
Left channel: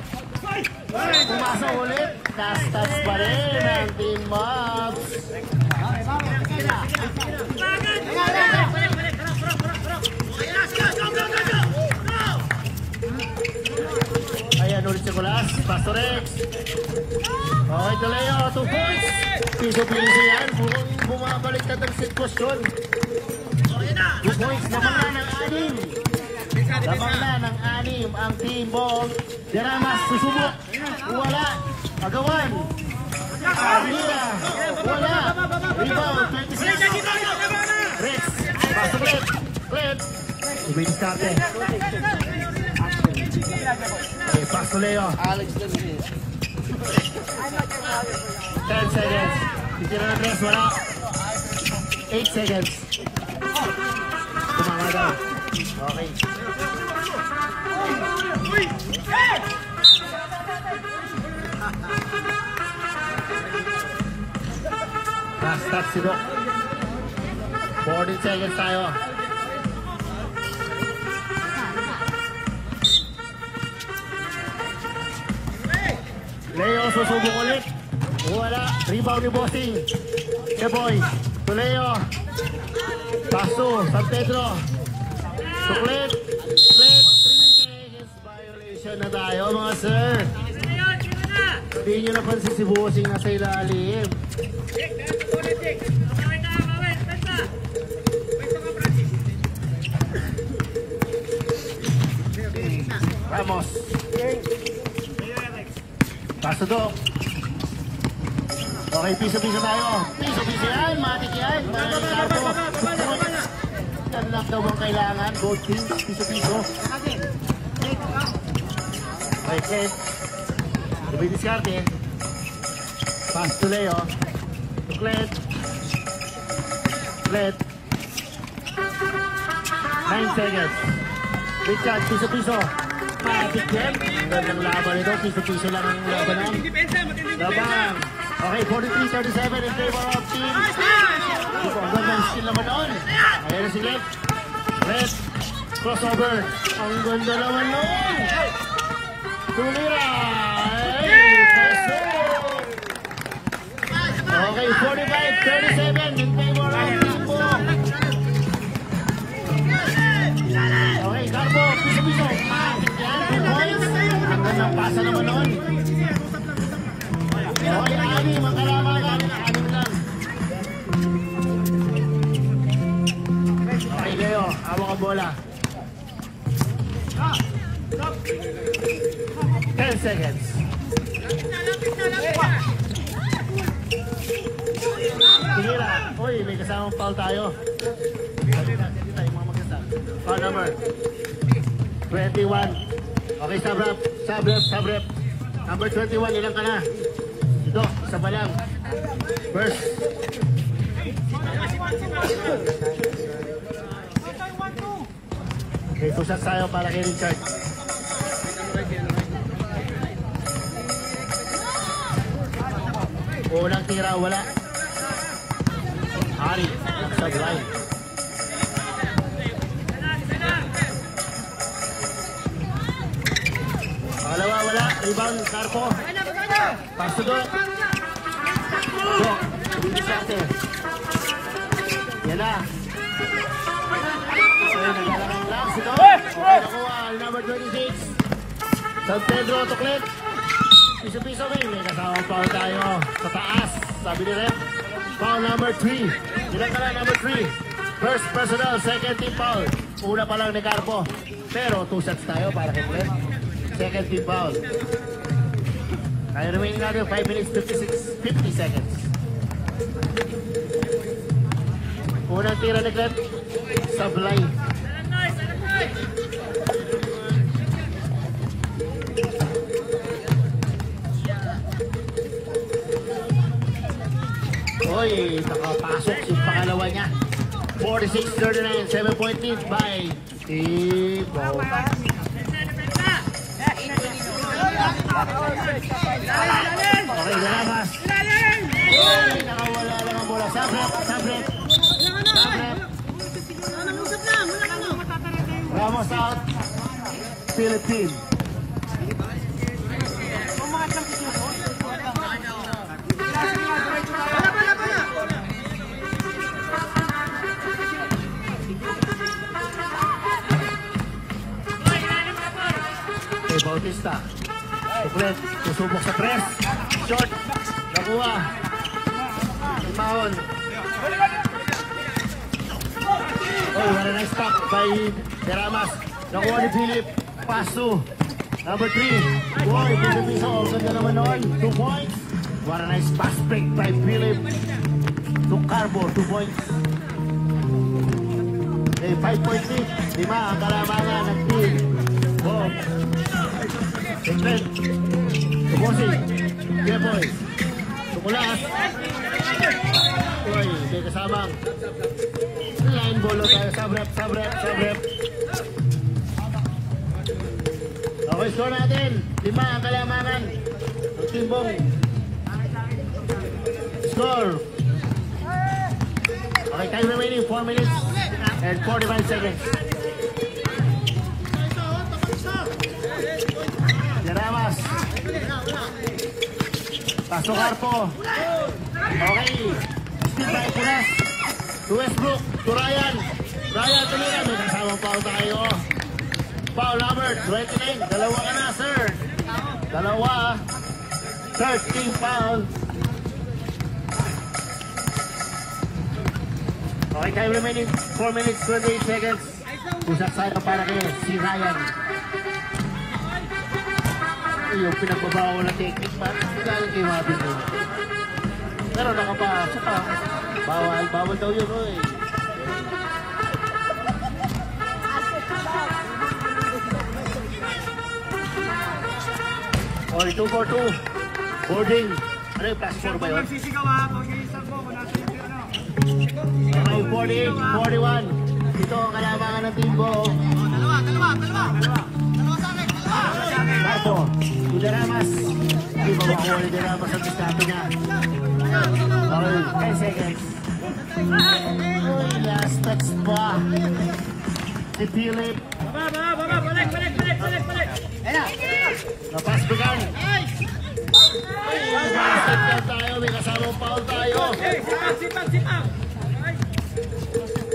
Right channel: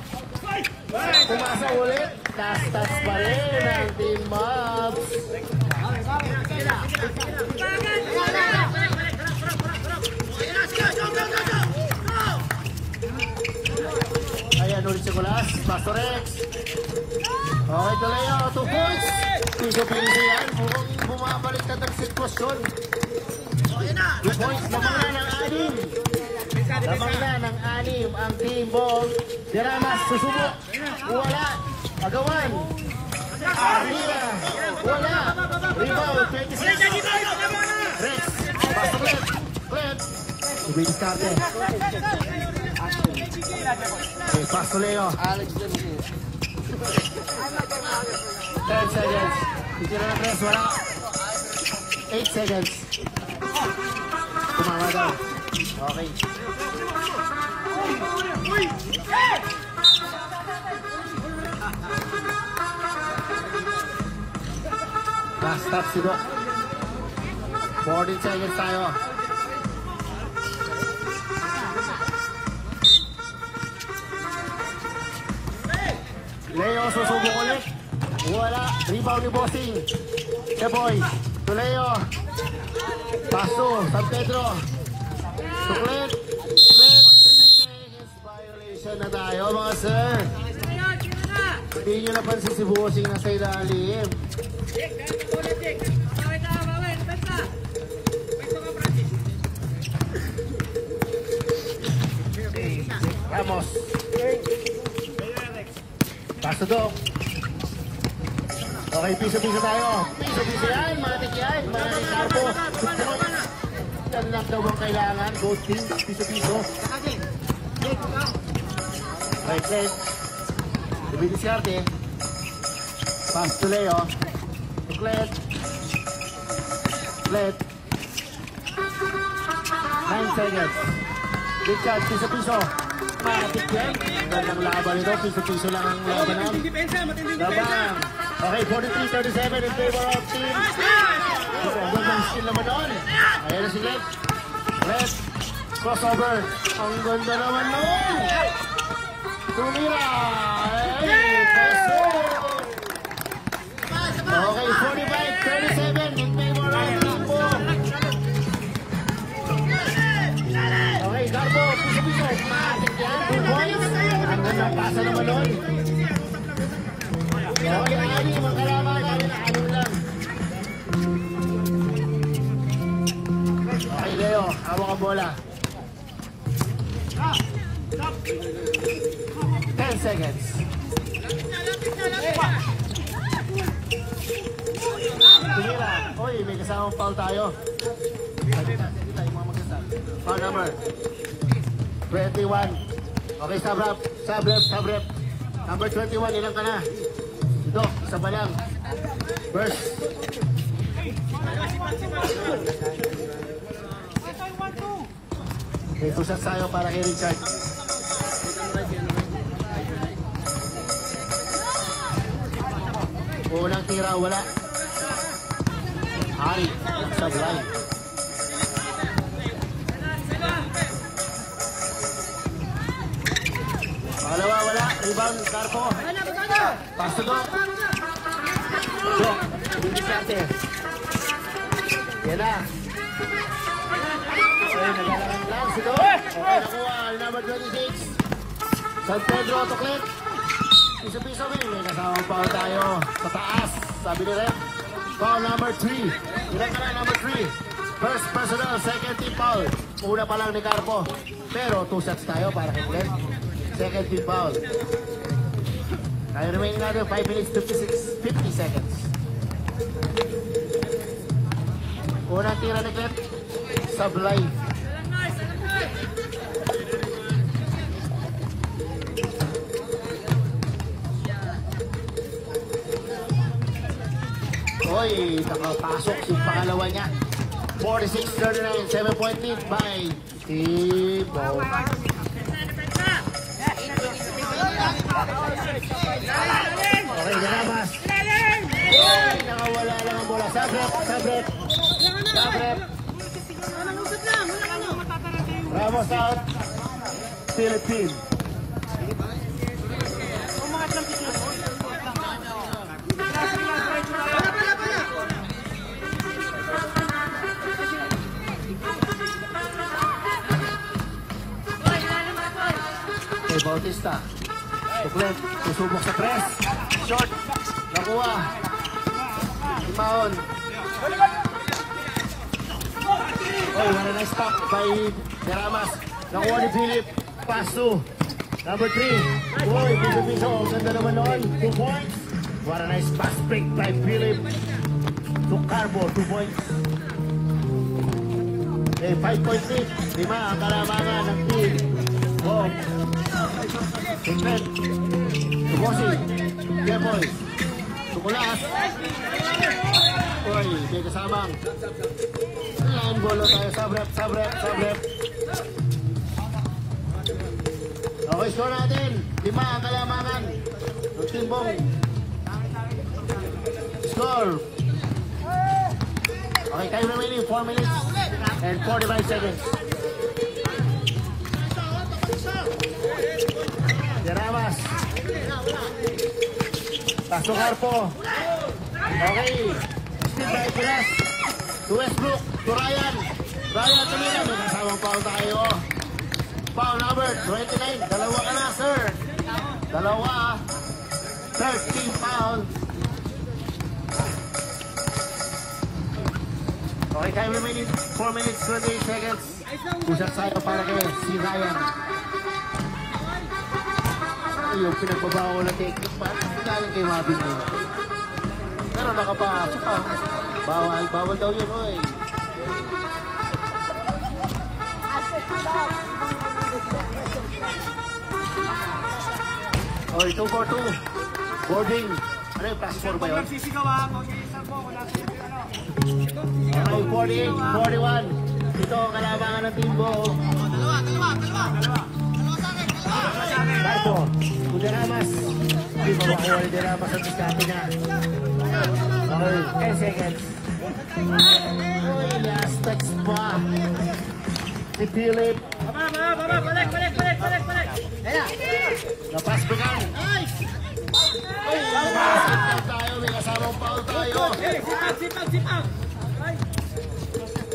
Pumasa ulit. Touch pa rin ang Team Mobs. Ayan, ulit si Kulas. Pasto Rex. Okay, Kaleo, 2 points. Piso-piso yan. Mukhang bumabalik na ng sitwasyon. 2 points. Lamang na ng 6. Lamang na ng 6 ang Team Bong. Daramas, susubok. Wala. Agawan. Alina. Wala. Rebound, 26. Rex. Pasabit. Clip. Win starte. Okay, pass to Leo. 10 seconds. Dito na ng wala. 8 seconds. Tumama daw. Okay. Pass touch si Doc. 14 seconds tayo. Leo, susubok ulit. Wala. Rebound ni Bossing. The boys. To Leo. Pasto. San Pedro. Split. Violation na tayo mga sir. Hindi nyo napansin si Bossing nasa ilalim. Vamos. Pasto to. Okay, piso-piso tayo. Piso-piso yan, matik yan. Mga karpo. Yan lang daw ang kailangan. Gold king, piso-piso. Okay, Clint. Ibigis natin. Pass to Leo. Clint. 9 seconds. Big shot, piso-piso. Matik yan. Ang laban nito, piso-piso lang ang labanan. Labang. Okay, 43-37 in favor of Team. Ang gandang skill naman noon. Ayan na si Left. Left. Crossover. Ang ganda naman noon. Tumira. Okay, 45-37 in favor of Tambo. Okay, Garbo. Piso-piso. 2 points. Ang gandang pasa naman noon. Okay, Leo, hawak ang bola. 10 seconds. Tingila. Uy, may kasamang foul tayo. Foul number 21. Okay, sub-rep. Number 21, ilang ka na? Ito, isa pa lang. First. Okay, 2 shots tayo para kay Richard. Unang tira, wala. Ari, sablay. Pangalawa, wala. Rebound, Carpo. Pass to Doc. Doc, Dumisarte. Yan na. Okay, nagkakarang lang si Doc. Okay, nakuha. Number 26. San Pedro, Tokit. Piso-piso rin. May kasama pa tayo sa taas. Sabi ni Red. Foul number 3. Ilan ka na number 3? First personal, second team foul. Una pa lang ni Carpo. Pero 2 shots tayo para kay Red. Second team foul. Kaya remaining na 5 minutes 50 seconds. Unang tira ni Red. Sablay. Oy, nakapasok yung pangalawa niya. 46-39, 7-point lead by Tibo. Okay, Ramos. Oy, nakawala lang ang bola. Sabret. Ramos out. Philippines. Bautista. Tuklet, susubok sa press. Shot. Nakuha. Nagmahon. Oh, wala na stop by Deramas. Nakuha ni Philip. Pass to number 3. Boy, piso-piso. Ang ganda naman noon. 2 points. What a nice pass pick by Philip. To Carbo, 2 points. Okay, 5 points lead. 5 ang kalamangan ng team. Oh. Tuklet. Tubusin. Depoy. Tumulas. Oy, may kasamang. Ayan, golo tayo. Sabret. Okay, score natin. 5 ang kalamangan. Timbong. Score. Okay, time remaining 4 minutes and 45 seconds. Deramas. Paso Carpo. Okay. Skip tayo Pulas. To Westbrook. To Ryan. Ryan, tumira. May kasamang foul tayo. Foul number 29. Dalawa ka na, sir. Dalawa. 13 foul. Okay, time remaining 4 minutes 28 seconds. Usap tayo para kayo si Ryan. Yung pinagbabawa na technique pa, kailangan kayo mabing mo. Pero nakapasok ka. Bawal daw yun, oy. Okay, 2-4-2. Boarding. Ano yung pastor ba yun? Okay, 48-41. Ito ang kalabangan ng Timbo. Dalawa. Carpo. Deramas. Deramas ang diskarte niya. Okay, 10 seconds. Last text pa. Si Philip. Napas begang. Nakasip tayo. May kasamang foul tayo. Sipag.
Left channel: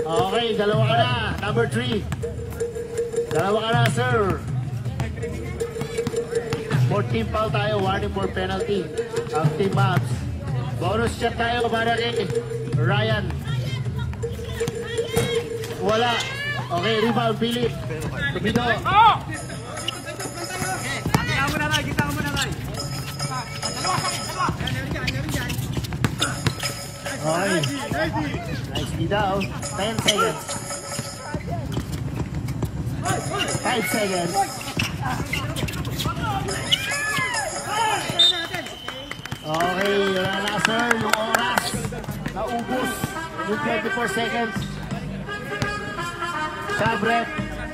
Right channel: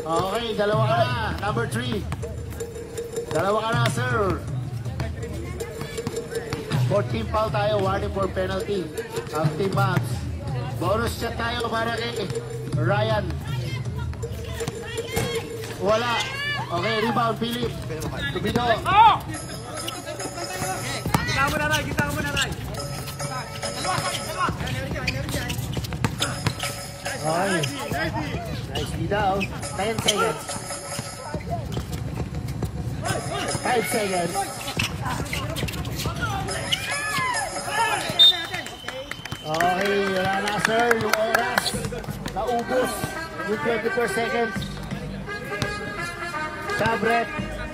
Okay, dalawa ka na. Number 3. Dalawa ka na, sir. 14 foul tayo. Warning for penalty. Of team match. Bonus shot tayo para kay Ryan. Wala. Okay, rebound, Philip. Tubido. Oh! Kita mo na, Ray. Dalawa. Okay. Nicely daw. 10 seconds. 5 seconds. Okay, wala na, sir. Yung oras. Naubos. Yung 24 seconds. Sabret.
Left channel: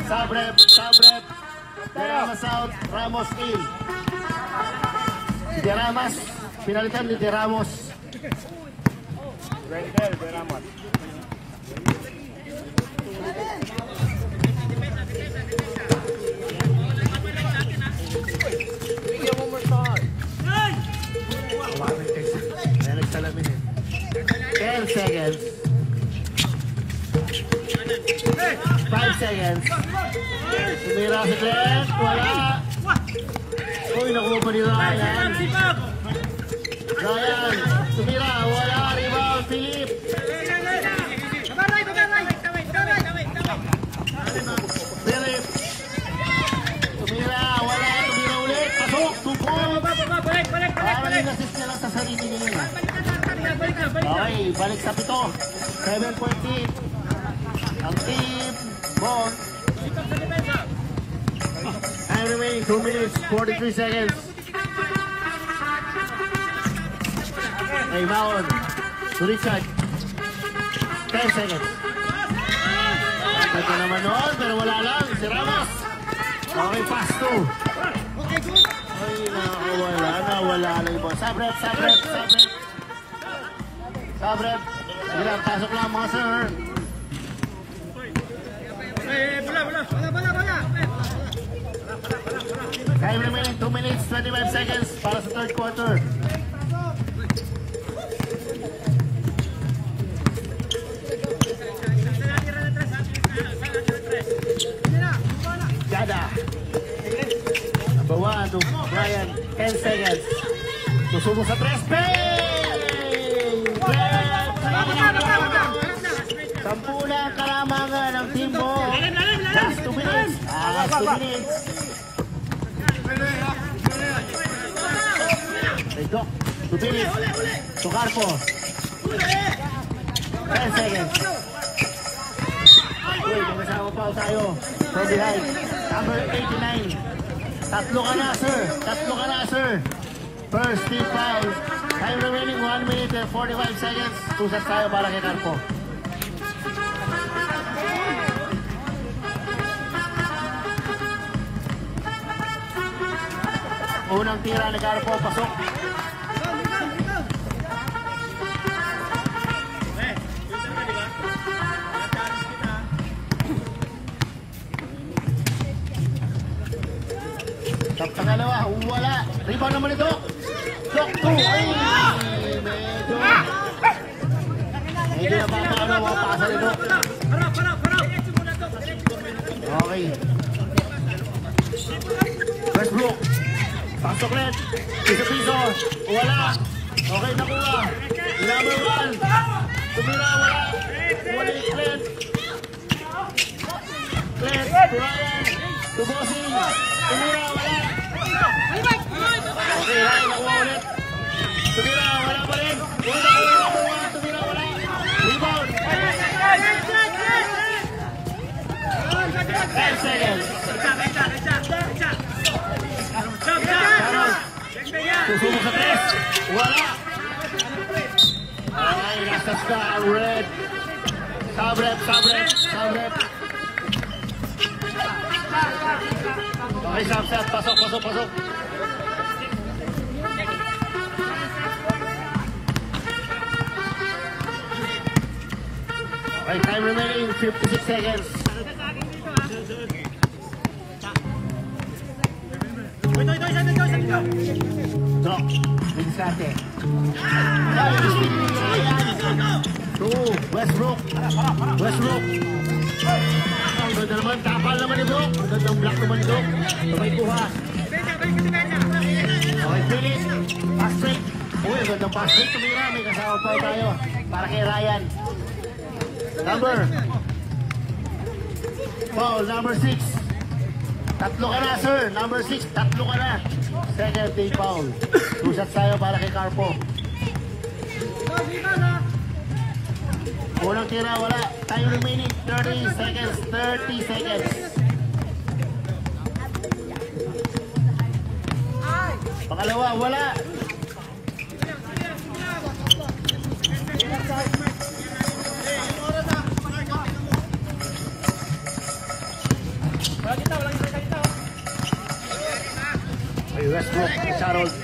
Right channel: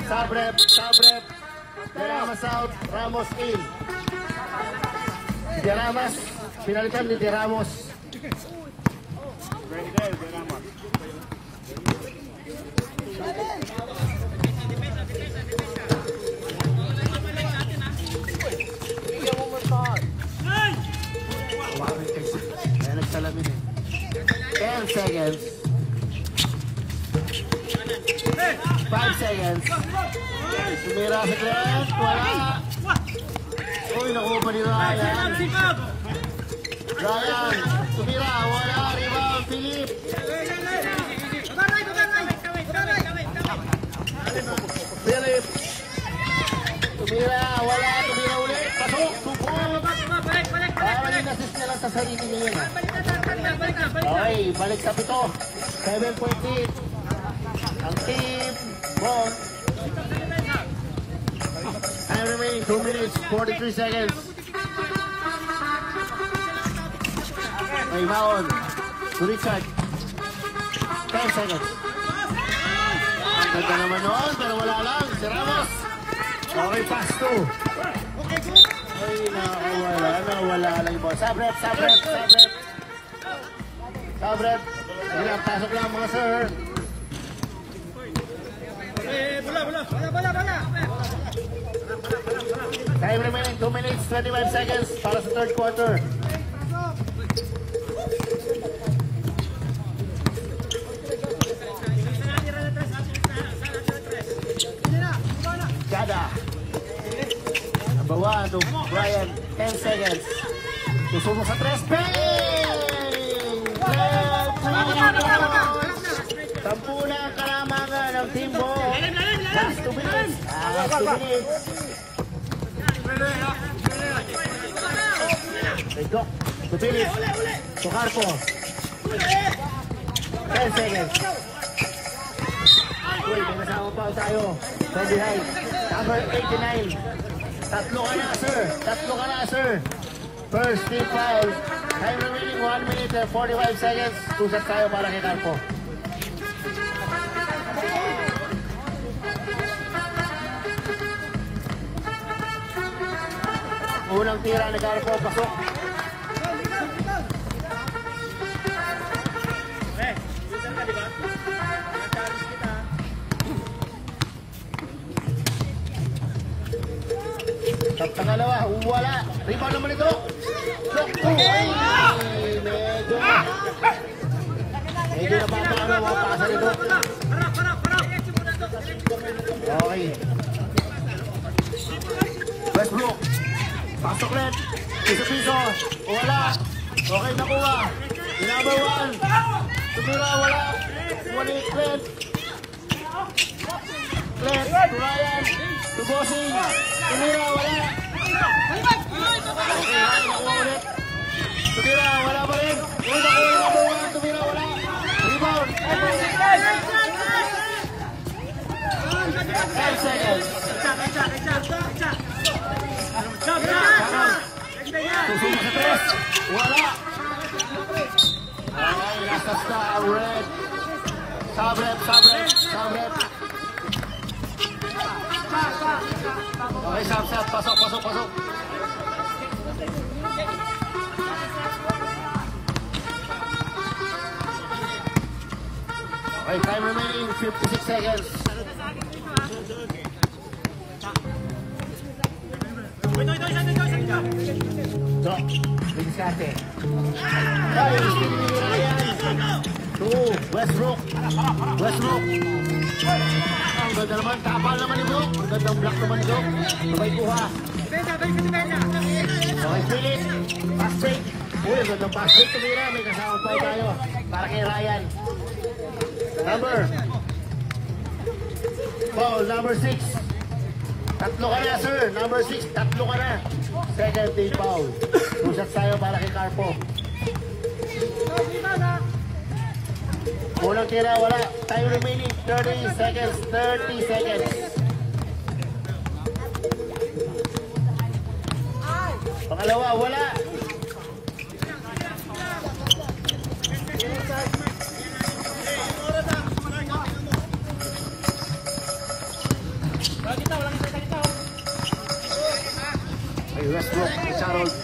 Sabrep. De Ramos out. Ramos in. De Ramos. Pinalitan ni De Ramos. Very good, De Ramos. Seconds. 5 seconds. Sumira si Glenn. Wala. Uy, nakuha pa nila. Ryan. Sumira. Wala. Rebound. Philip. Philip. Sumira. Wala. Sumira ulit. Pasok. Tupok. Parang assist nila sa sarili nila. Okay, balik sa 7. 7.8. Ang team ball. And remaining 2 minutes, 43 seconds. Hey, Maon. Ulit shot. 10 seconds. Ganda naman noon, pero wala lang. Si Ramos. Okay, pass 2. Ay, wala lang ba. Sabrep. Sabrep. Bilang, pasok lang mga sir. Bola. Time remaining 2 minutes, 25 seconds para sa third quarter. Jada. Bawa to Brian. 10 seconds. Susubo sa 3. Sampu na ang kalamangan ng team ball. Last 2 minutes. Last 2 minutes. Let's go. Tupili. Sukarpo. 10 seconds. Uy, mga samapaw tayo. From behind. Number 89. Tatlo ka na, sir. First team foul. Time remaining 1 minute and 45 seconds. Tusap tayo para kay Carpo. Unang tira ni Carpo, pasok. Sa pangalawa, wala. Rebound naman ito. Block 2. Medyo napapalaman mga pasa nito. Okay. Westbrook. Pasok rin. Piso. Wala. Okay, nakuha. Number 1. Tumira, wala. Umalit, Glenn. Tumayan. Tugosing. Tumira, wala. Tumira, wala pa rin. Tumira, wala. Rebound. 10 seconds. Susunod sa 3. Wala. Okay, last ka. Red. Sabret. Okay, shot. Pasok. Okay, time remaining 56 seconds. So, diskarte. To Westbrook. Ganda naman, kapal naman ito. Ganda black naman ito. Sabay kuha. Okay, Philip. Pass fake. Uy, ganda pass fake. Tumira, may kasama pa tayo. Para kay Ryan. Number 6. Tatlo ka na, sir. Number 6, tatlo ka na. Second day foul. Susap tayo para kay Carpo. Unang tira, wala. Time remaining 30 seconds. Pangalawa, wala. Westbrook, Charles.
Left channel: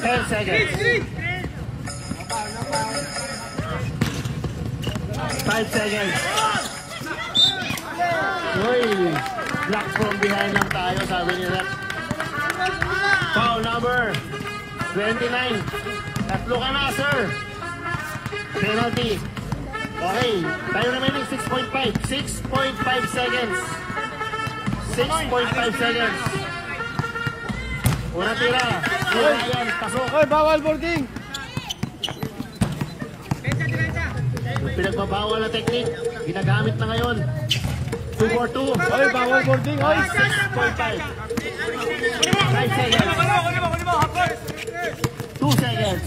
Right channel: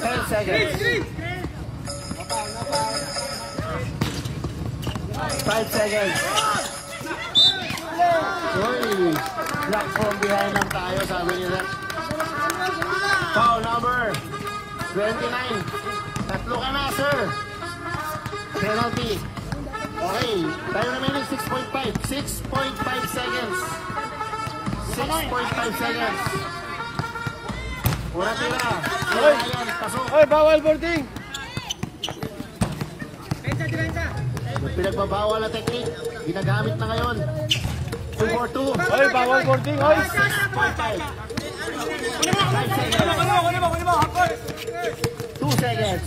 10 seconds. 5 seconds. Uy, block from behind ng tayo, sabi nila. Foul number 29. Tatlo ka na, sir. Penalty. Okay, tayo na namin 6.5. 6.5 seconds. 6.5 seconds. Una tira. Ayan, pasok. Oy, bawal boarding. Pinagbabawal na technique. Ginagamit na ngayon. 2-4-2. Oy, bawal boarding. Oy. 6.5. 5 seconds. 2 seconds.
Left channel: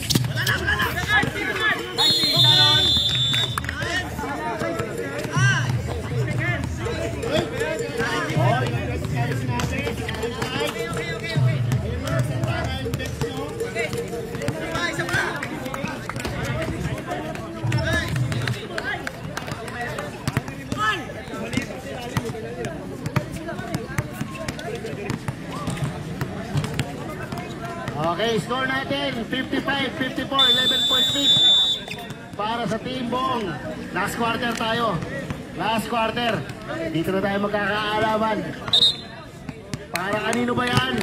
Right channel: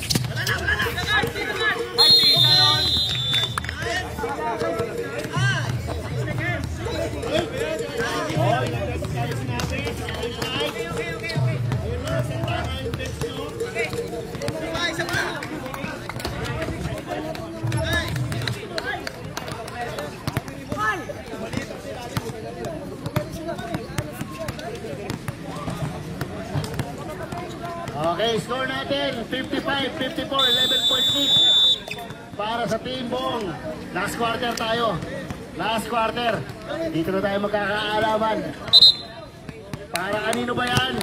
Okay, score natin 55-54, 11-point lead para sa Team Bong. Last quarter tayo. Last quarter. Dito na tayo magkakaalaman. Para kanino ba yan?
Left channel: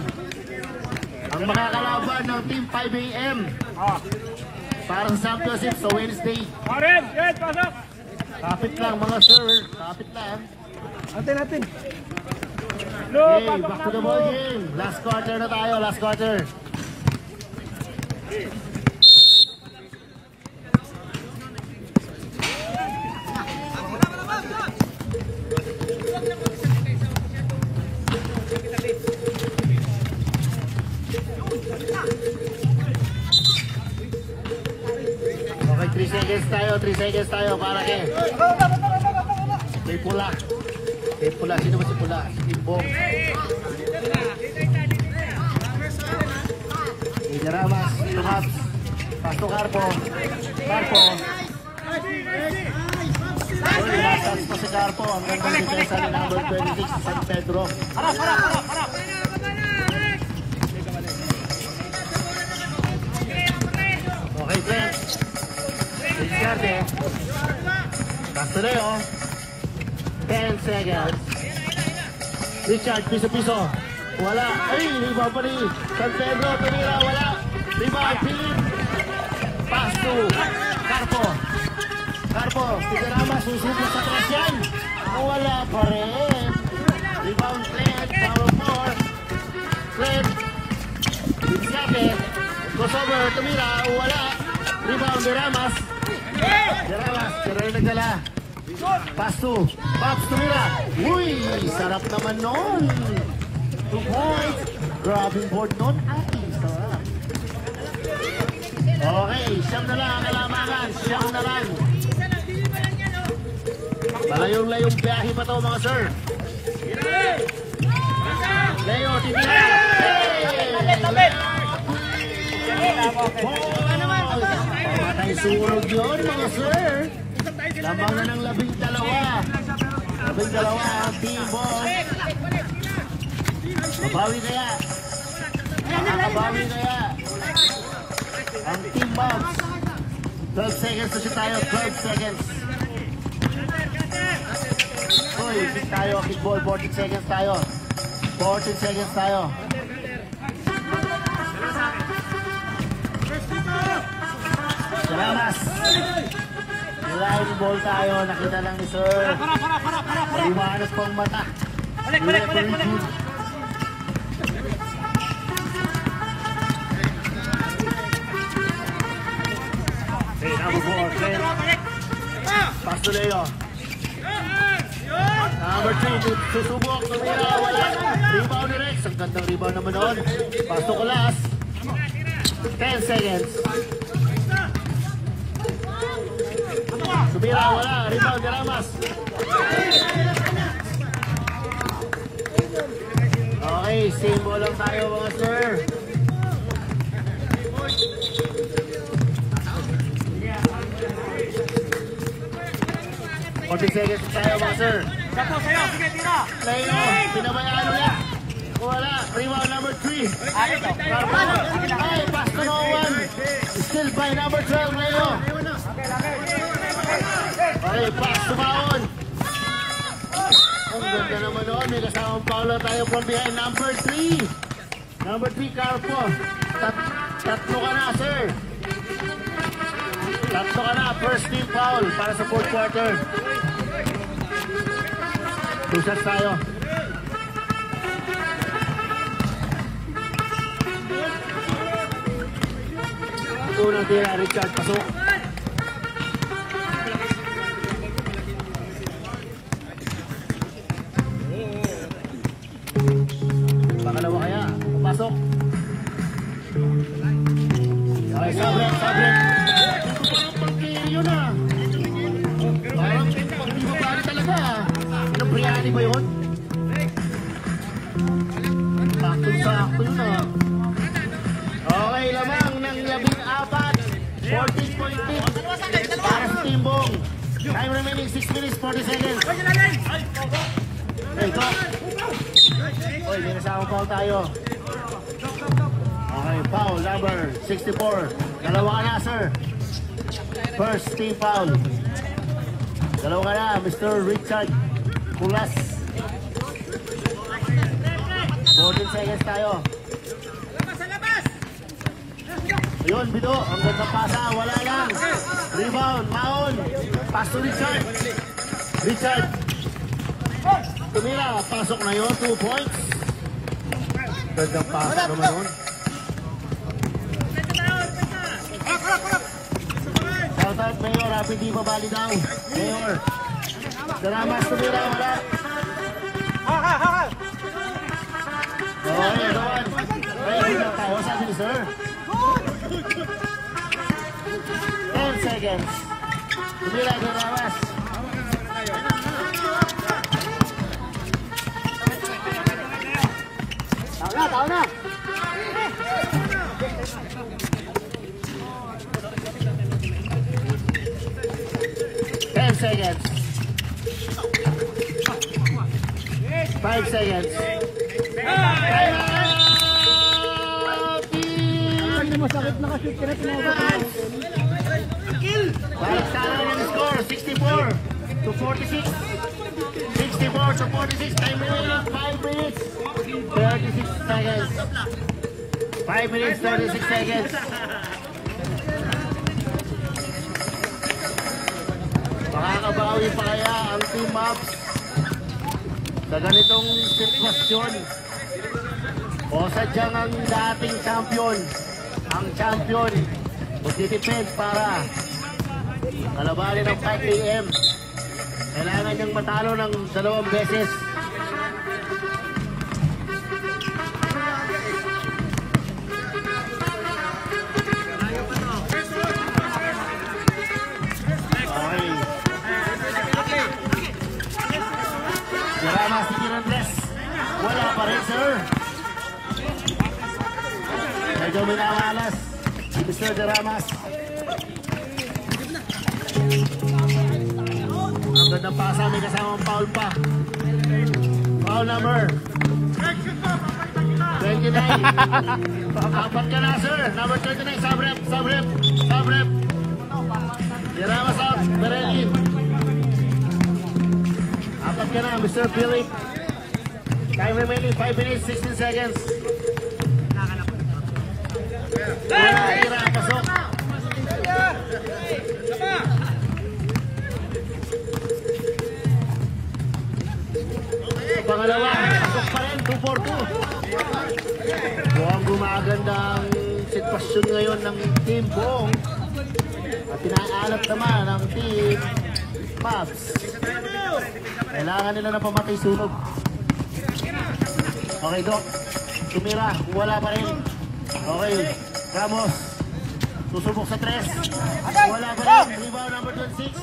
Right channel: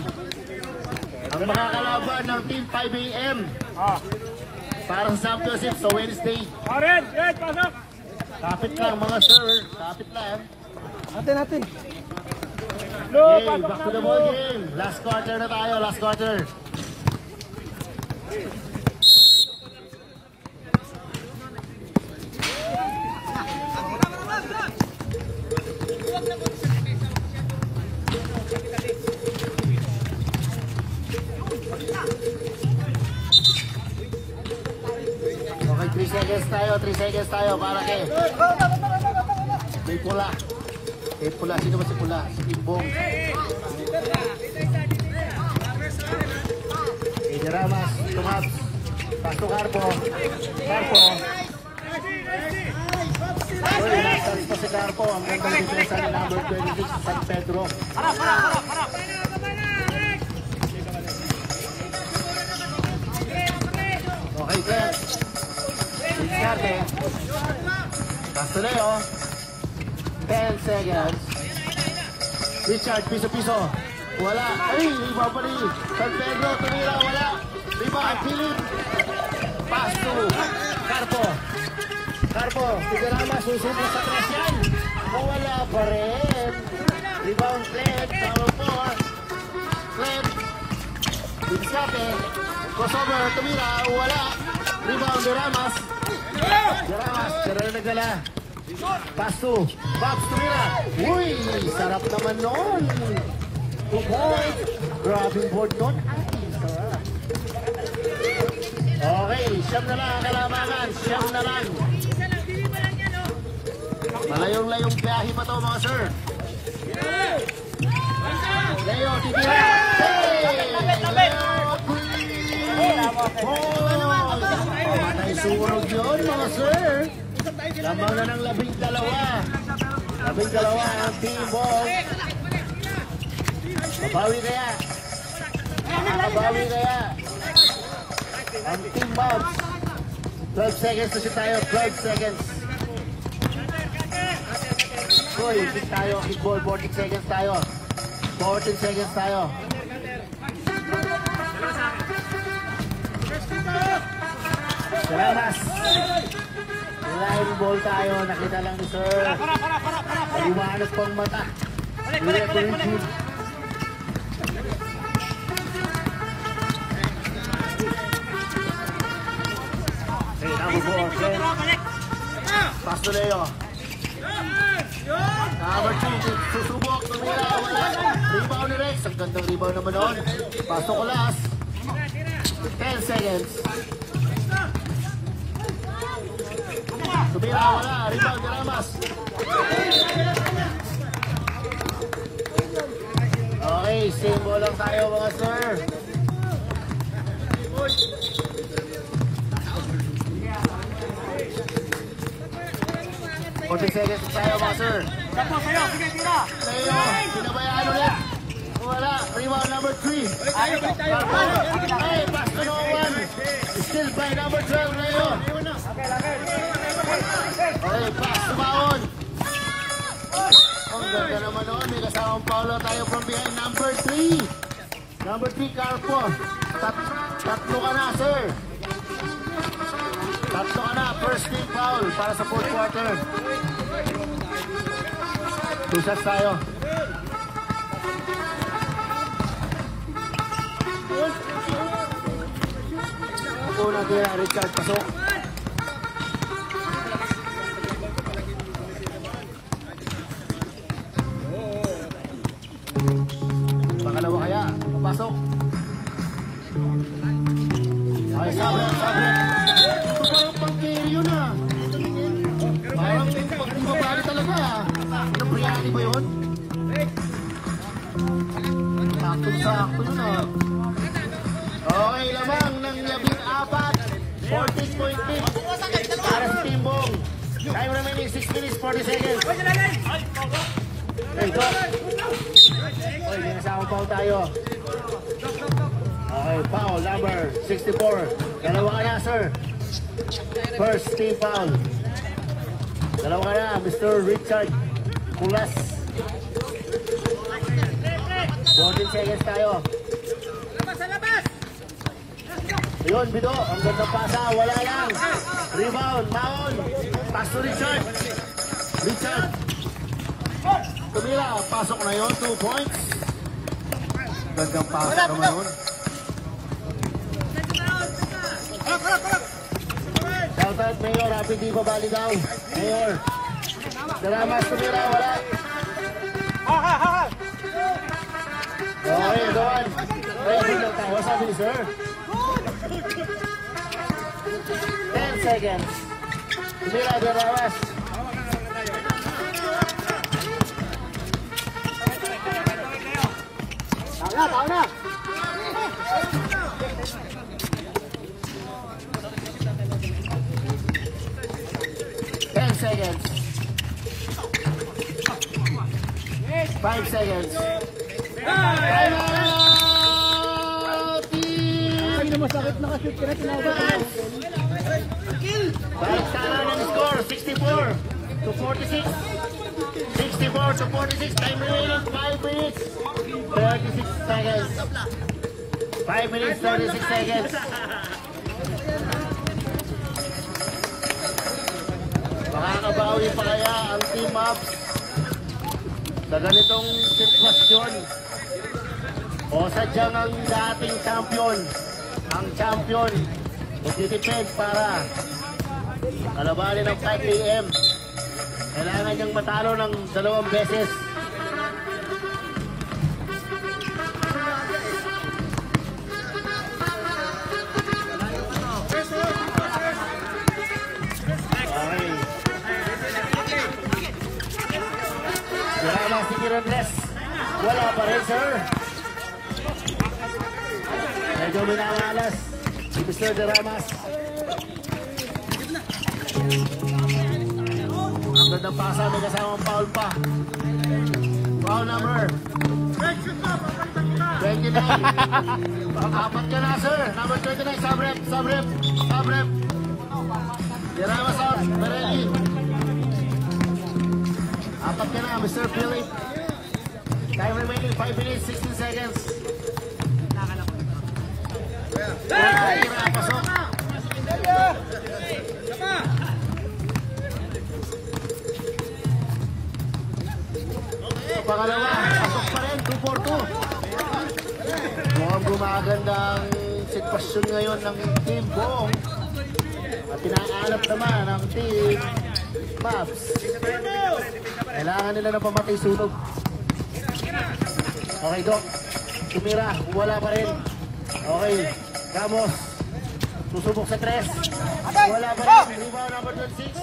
Ang makakalaban ng Team 5 AM para sa championship sa Wednesday. Kapit lang mga sir. Kapit lang. Natin. Okay, back to the ball game. Last quarter na tayo. Last quarter. Okay, 3 seconds tayo, malaki. May pula. May pula, sino ba si pula? Si Timbong. Igaramas, Tunat. Pasto Carpo. Carpo. Uy, masas pa si Carpo. Ang ganda dito sa number 26 sa San Pedro. Okay, Jeff. Pastoreo. 10 seconds. Richard, piso-piso. Wala. Ay, rebound pa rin. San Pedro, tumira, wala. Rebound, Philip. Pasto. Carpo. Carpo, Tigarama, susunod na sa crash yan. Wala pa rin. Rebound, Cled. Power 4. Cled. Dinsate. Kosovo, tumira, wala. Rebound, Deramas. Deramas, pero nagdala. Pasto. Pax, tumira. Uy, sarap naman yun. 2 points. Grabbing board no? Okay, siyam na lang ang kalamangan. Siyam na lang. Layong-layong biyahe pa to mga sir. Layo, tibira. Ay, sunog yun mga sir. Lamang na ng 12. 12 ang Team Bong. Mabawi kaya. Mabawi kaya. Ang Team Bong. 12 seconds na tayo. 12 seconds. Uy, kick tayo. Kickball. 14 seconds tayo. 14 seconds tayo. Salamat. Line ball tayo. Nakita lang ni sir. Maliwanag pang mata. Direct to YouTube. Pasto Leo. Susubok. Rebound ni Rex. Ang gandang rebound naman doon. Pasto Colas. 10 seconds. Subira, wala. Rebound, Ramos. Okay, same ball lang tayo mga sir. Konti seconds tayo mga sir. Sapo, sayo. Sige, tira. Pinabayaan na. Wala. Rebound number 3. Carpo. Ay, pass to no one. Still by number 12, Leo. Okay, pass to Maon. Ang ganda naman noon. May kasamang Paulo tayo from behind number 3. Number 3, Carpo. Tatlo ka na, sir. Tatlo ka na. First team foul para sa fourth quarter. Two shots tayo. Una din, Richard, pasok. Pangalawa kaya, pasok. Okay, sabret. Ito kayo pang-carry na. Parang hindi ba talaga? Ano ba yun? Sakto na. Okay, lamang ng 14 point lead para sa Timbong. Time remaining 6 minutes, 40 seconds. Okay, go. Okay, may nasakong foul tayo. Okay, foul number 64. Dalawa ka na, sir. First team foul. Dalawa ka na, Mr. Richard Pulas. 14 seconds tayo. Ayun, Bido. Ang ganda pasa. Wala lang. Rebound. Maon. Pass to Richard. Richard. Tumila. Pasok na yun. 2 points. Gandang pasok naman yun. Shoutout, Mayor. Happy di pa bali daw. Mayor. Salamat. Tumila. Okay, doon. Tayo sabi ni sir. 10 seconds. Tumila di Raras. Tao na. 10 seconds. 5 seconds. Masakit na ka-shoot ka na tinawag. Balik sana ng score, 64 to 46. 64 to 46. Time remaining 5 minutes, 36 seconds. 5 minutes, 36 seconds. Makakabawi pa kaya ang team up sa ganitong sitwasyon? O sadyang ang dating champion, ang champion, magdidepend para kalabanin ng 5 AM. Kailangan niyang matalo ng 2 beses. Okay. Salamat si Kirondres. Wala pa rin, sir. Medyo minamalas si Mr. Deramas. Ang gandang pasa, may kasamang foul pa. Foul number 29. Apat ka na, sir. Number 29, Sabret. Deramas out, Dareli. Apat ka na, Mr. Philip. Time remaining 5 minutes, 16 seconds. Pasok. Pangalawa, pasok pa rin, 2-4-2. Mukhang gumagandang sitwasyon ngayon ng team Bong. At tinaalap naman ang team Mavs. Kailangan nila na pamatay sunog. Okay, Doc. Tumira, wala pa rin. Okay, Ramos. Susubok sa 3. Wala pa rin. Rebound number 26.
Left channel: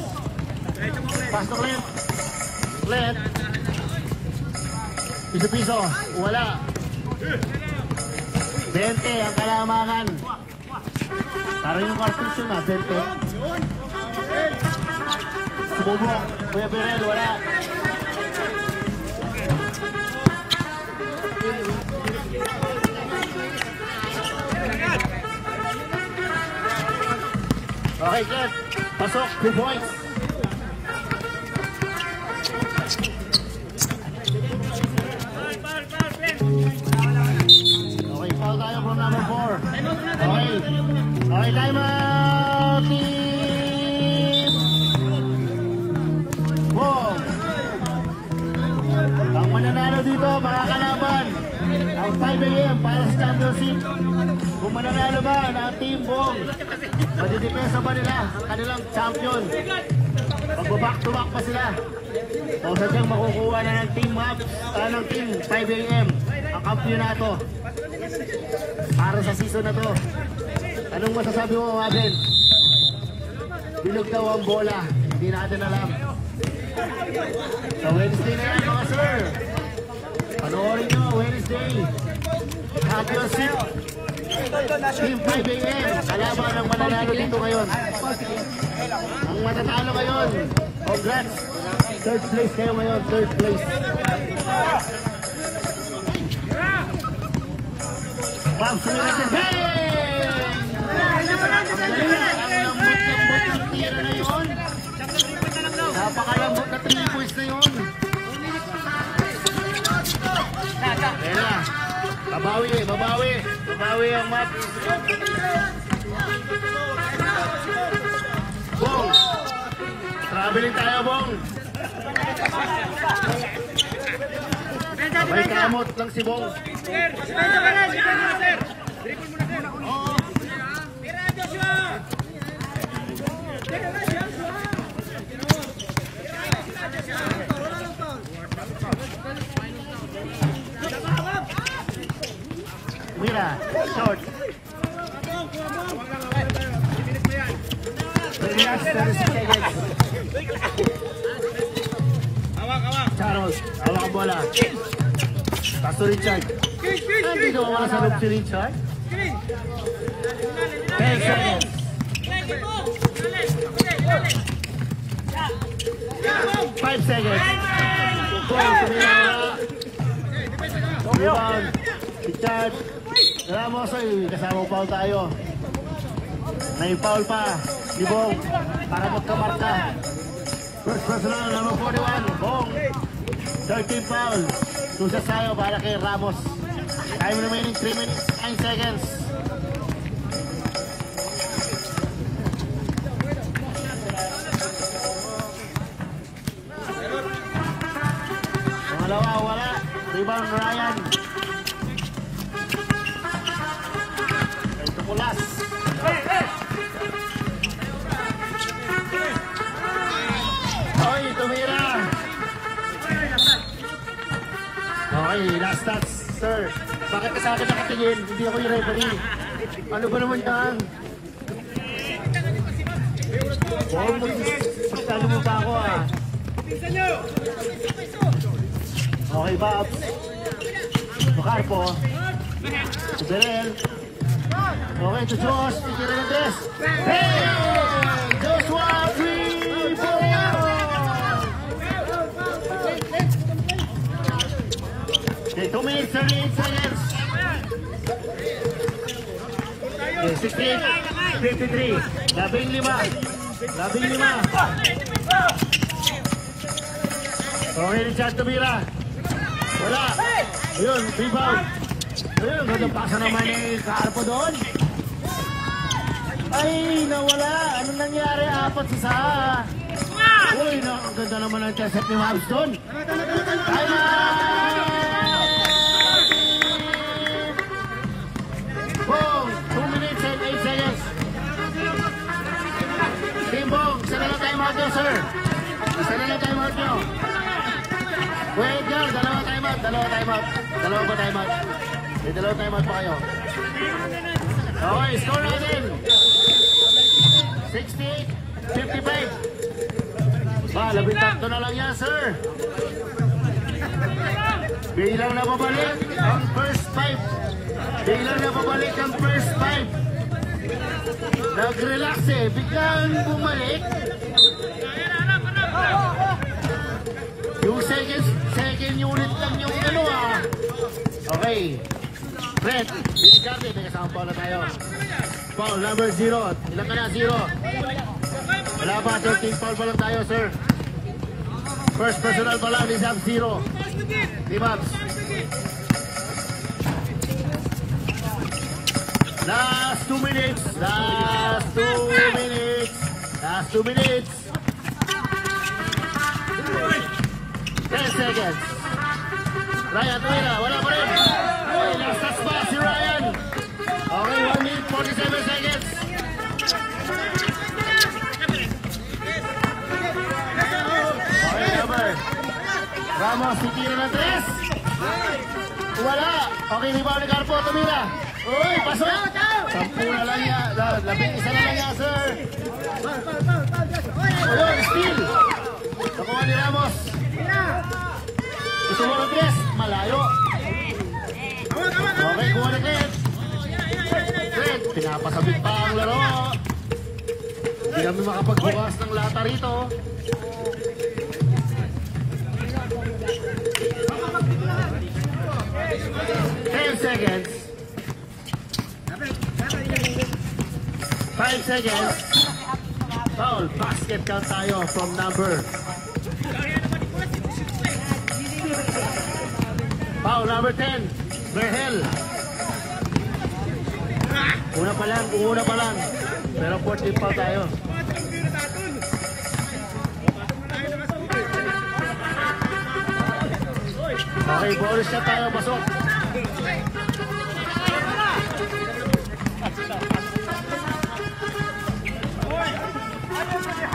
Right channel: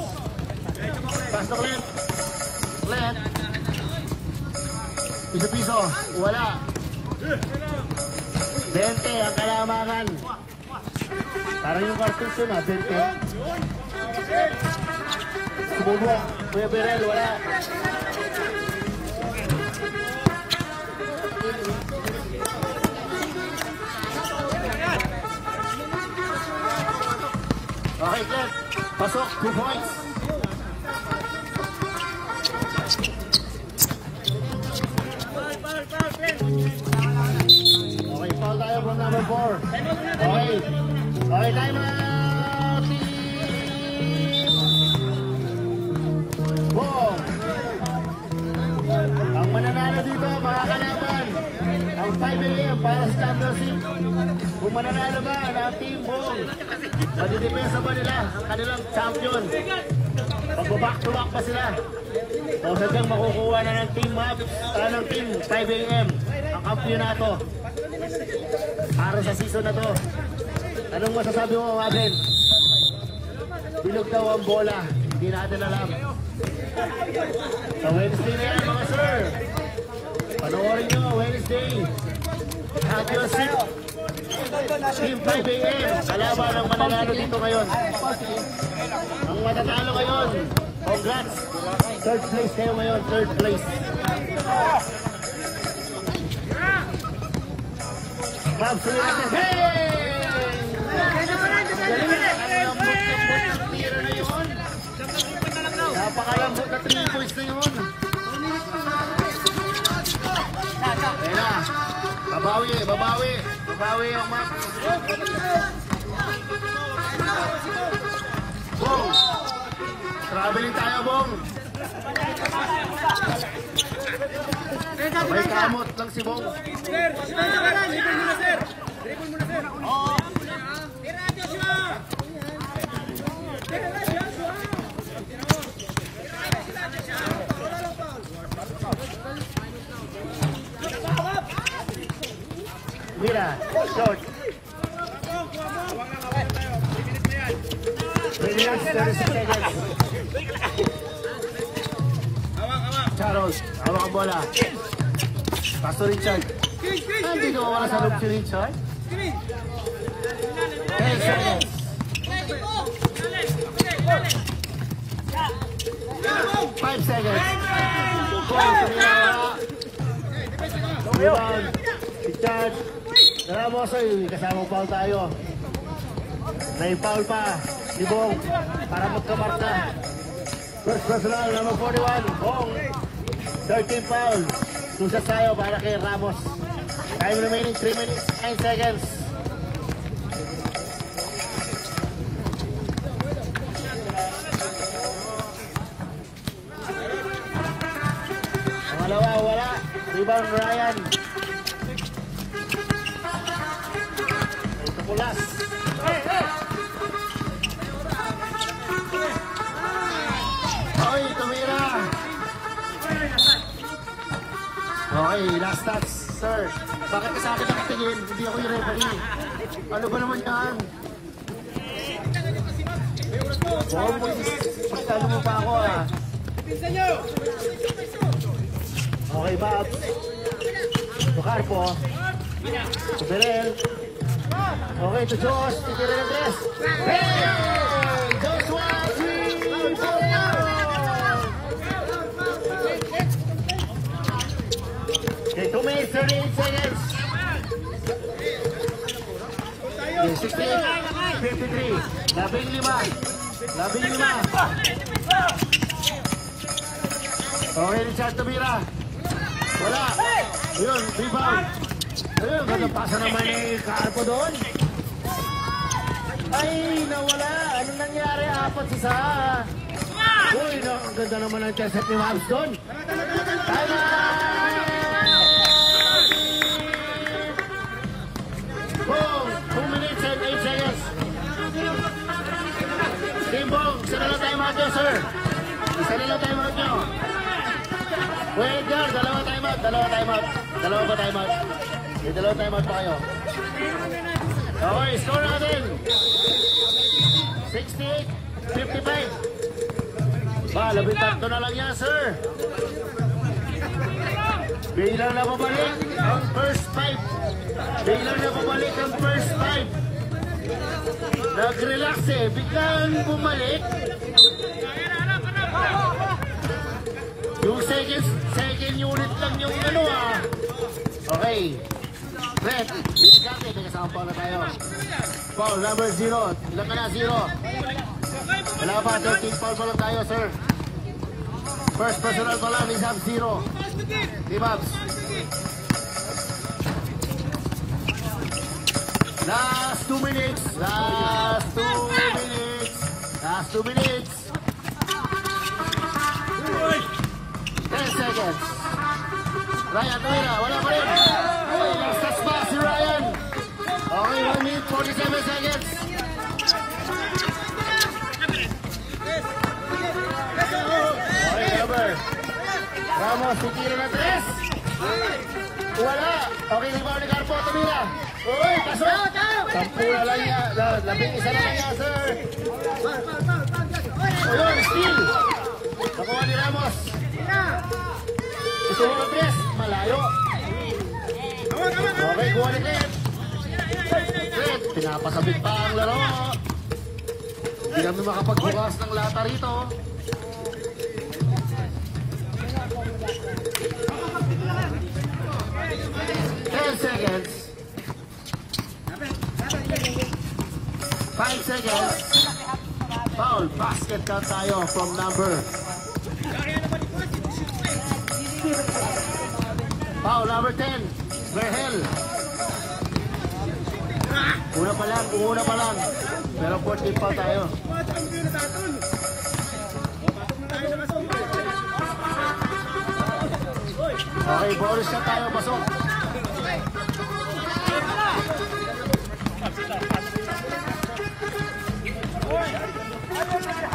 Pass to Clint. Piso-piso. Wala. Dente ang kalamangan. Parang yung cartouche yun, Dente. Sububok. Kuya Birel, wala. Okay, Jeff. Pasok, 2 points. Okay, foul tayo from number 4. Okay. Okay, time out. Wow. Ang mananalo dito, mga kalaban, ang 5 AM para sa championship. Kung mananalo ba ng Team Bong, madidepensa ba nila ang kanilang champion? Magbaback to back pa sila. O sadyang makukuha na ng Team Maps, ng Team 5 AM ang kampyonato para sa season na to. Anong masasabi mo, Maden? Bilog daw ang bola, hindi natin alam. Sa Wednesday na yan, mga sir. Panoorin nyo, Wednesday. Championship. Team 5 AM. Kalaban ang mananalo dito ngayon. Ang matatalo ngayon. Congrats. Third place kayo ngayon. Third place. Napakalambot na 3 points na yun. Ayan na. Babawi ang map. Bong. Traveling tayo, Bong. May kamot lang si Bong. Mira, short. Charles, hawak ang bola. Pastor Richard. Hindi ko makasagot si Richard. 10 seconds. 5 seconds. Rebound. Richard. Ramos ay kasama foul tayo. May foul pa. Libong. Para magkamarka. First personal, number 41. Bong. 13 foul. Tusas tayo para kay Ramos. Time remaining 3 minutes 9 seconds. Pangalawa, wala. Rebound Ryan. Ito pulas. Oy, tumira. Okay, last touch, sir. Bakit sa akin nakatingin? Hindi ako yung referee. Ano ba naman tahan? Boy, magpapalo mo pa ako ah. Okay, Bob. Makarpo. Tigirel. Okay, to Josh. Tigirel ang dress. Hey! Joshua! 3 points! Okay, 2 minutes, 78 seconds. 68, 53. 15. Okay, Richard tumira. Wala. Ayun, rebound. Ayun, nagpasa naman yung Carpo doon. Ay, nawala. Ano nangyari? Apat sa saha. Uy, ganda naman ang intercept ni Mavs doon. Bong, 2 minutes and 8 seconds. Team Bong, isa na lang time out nyo, sir. Isa na lang time out nyo. Wait, Edgar, dalawa time out. Dalawa pa time out. May dalawa time out pa kayo. Okay, score natin. 68-55. Ba, 13 na lang yan, sir. Bilang na pabalik ang first 5. Nag-relax eh. Biglang bumalik. Yung second unit lang yung ano ah. Okay. Brett, binigyan may kasama pa na tayo. Foul number 0. Ilan ka na? 0. Wala ba? 13 foul pa lang tayo, sir. First personal ko lang, isang 0. Dimags. Last 2 minutes. Last 2 minutes. Last 2 minutes. 10 seconds. Ryan, wala. Oh, nag-stretch pa si Ryan. Okay, 1 minute, 47 seconds. Okay, number. Ramos, titira ng 3. Wala. Okay, di ba nag-arpo? Tumira. Okay, pasok. 10 na lang niya. 11 na lang niya, sir. O yun, steal. Nakuha ni Ramos. Ito mo ng 3. Malayo. Okay, kuha na 3. Pinapasabit pa ang laro. Hindi namin makapagbukas ng lata rito. Seconds. 5 seconds. Foul. Basket count tayo from number. Foul number 10. Verhel. Una pa lang. Pero 14 foul tayo. Okay, bonus na tayo. Pasok.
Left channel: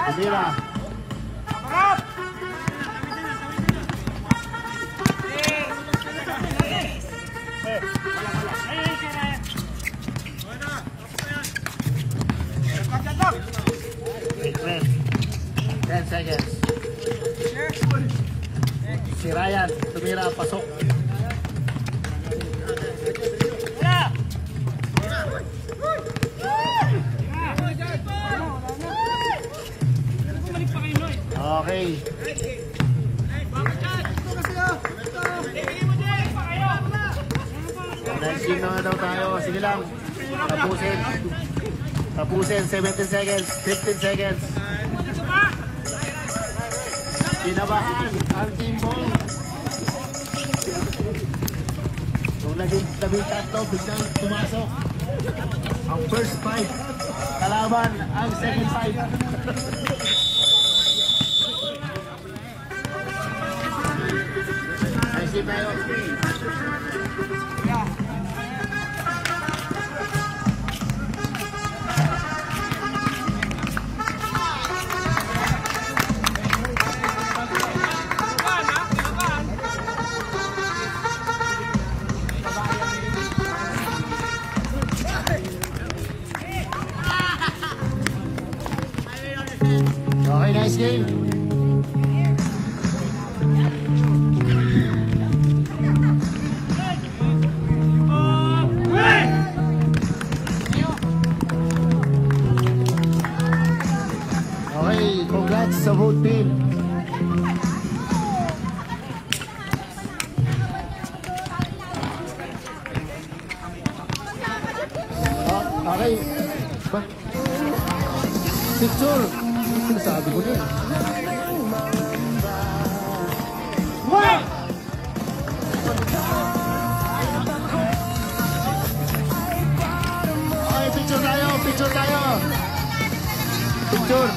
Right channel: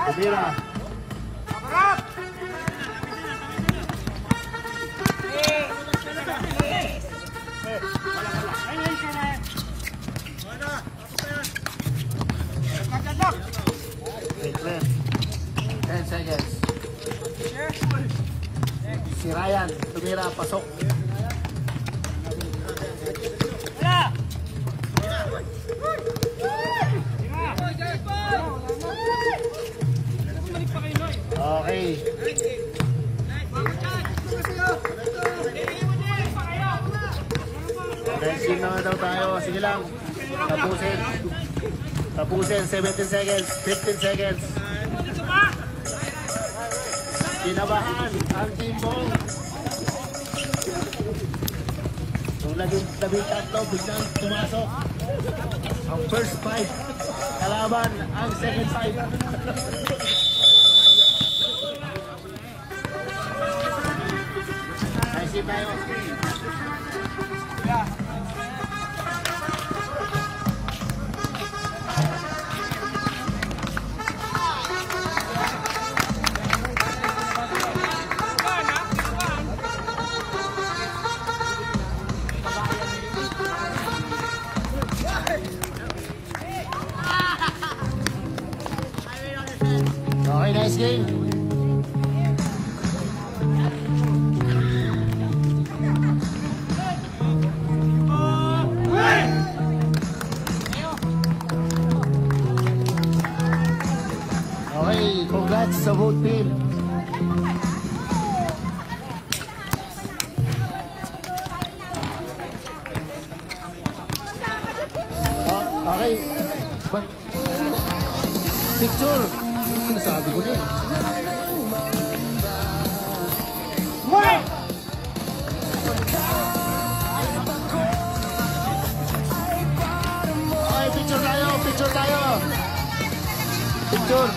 Tumira. Si Ryan, tumira, pasok. Okay. Next game na daw tayo. Sige lang. Tapusin. 17 seconds. 15 seconds. Kinabahan ang Team Bong. Nung labing tatlo, biglang pumasok ang first 5. Kalaban ang second 5. Naisip tayo. Okay, nice game. Okay, congrats sa both team. Okay. Picture. Sabi ko din. Okay, picture tayo. Picture.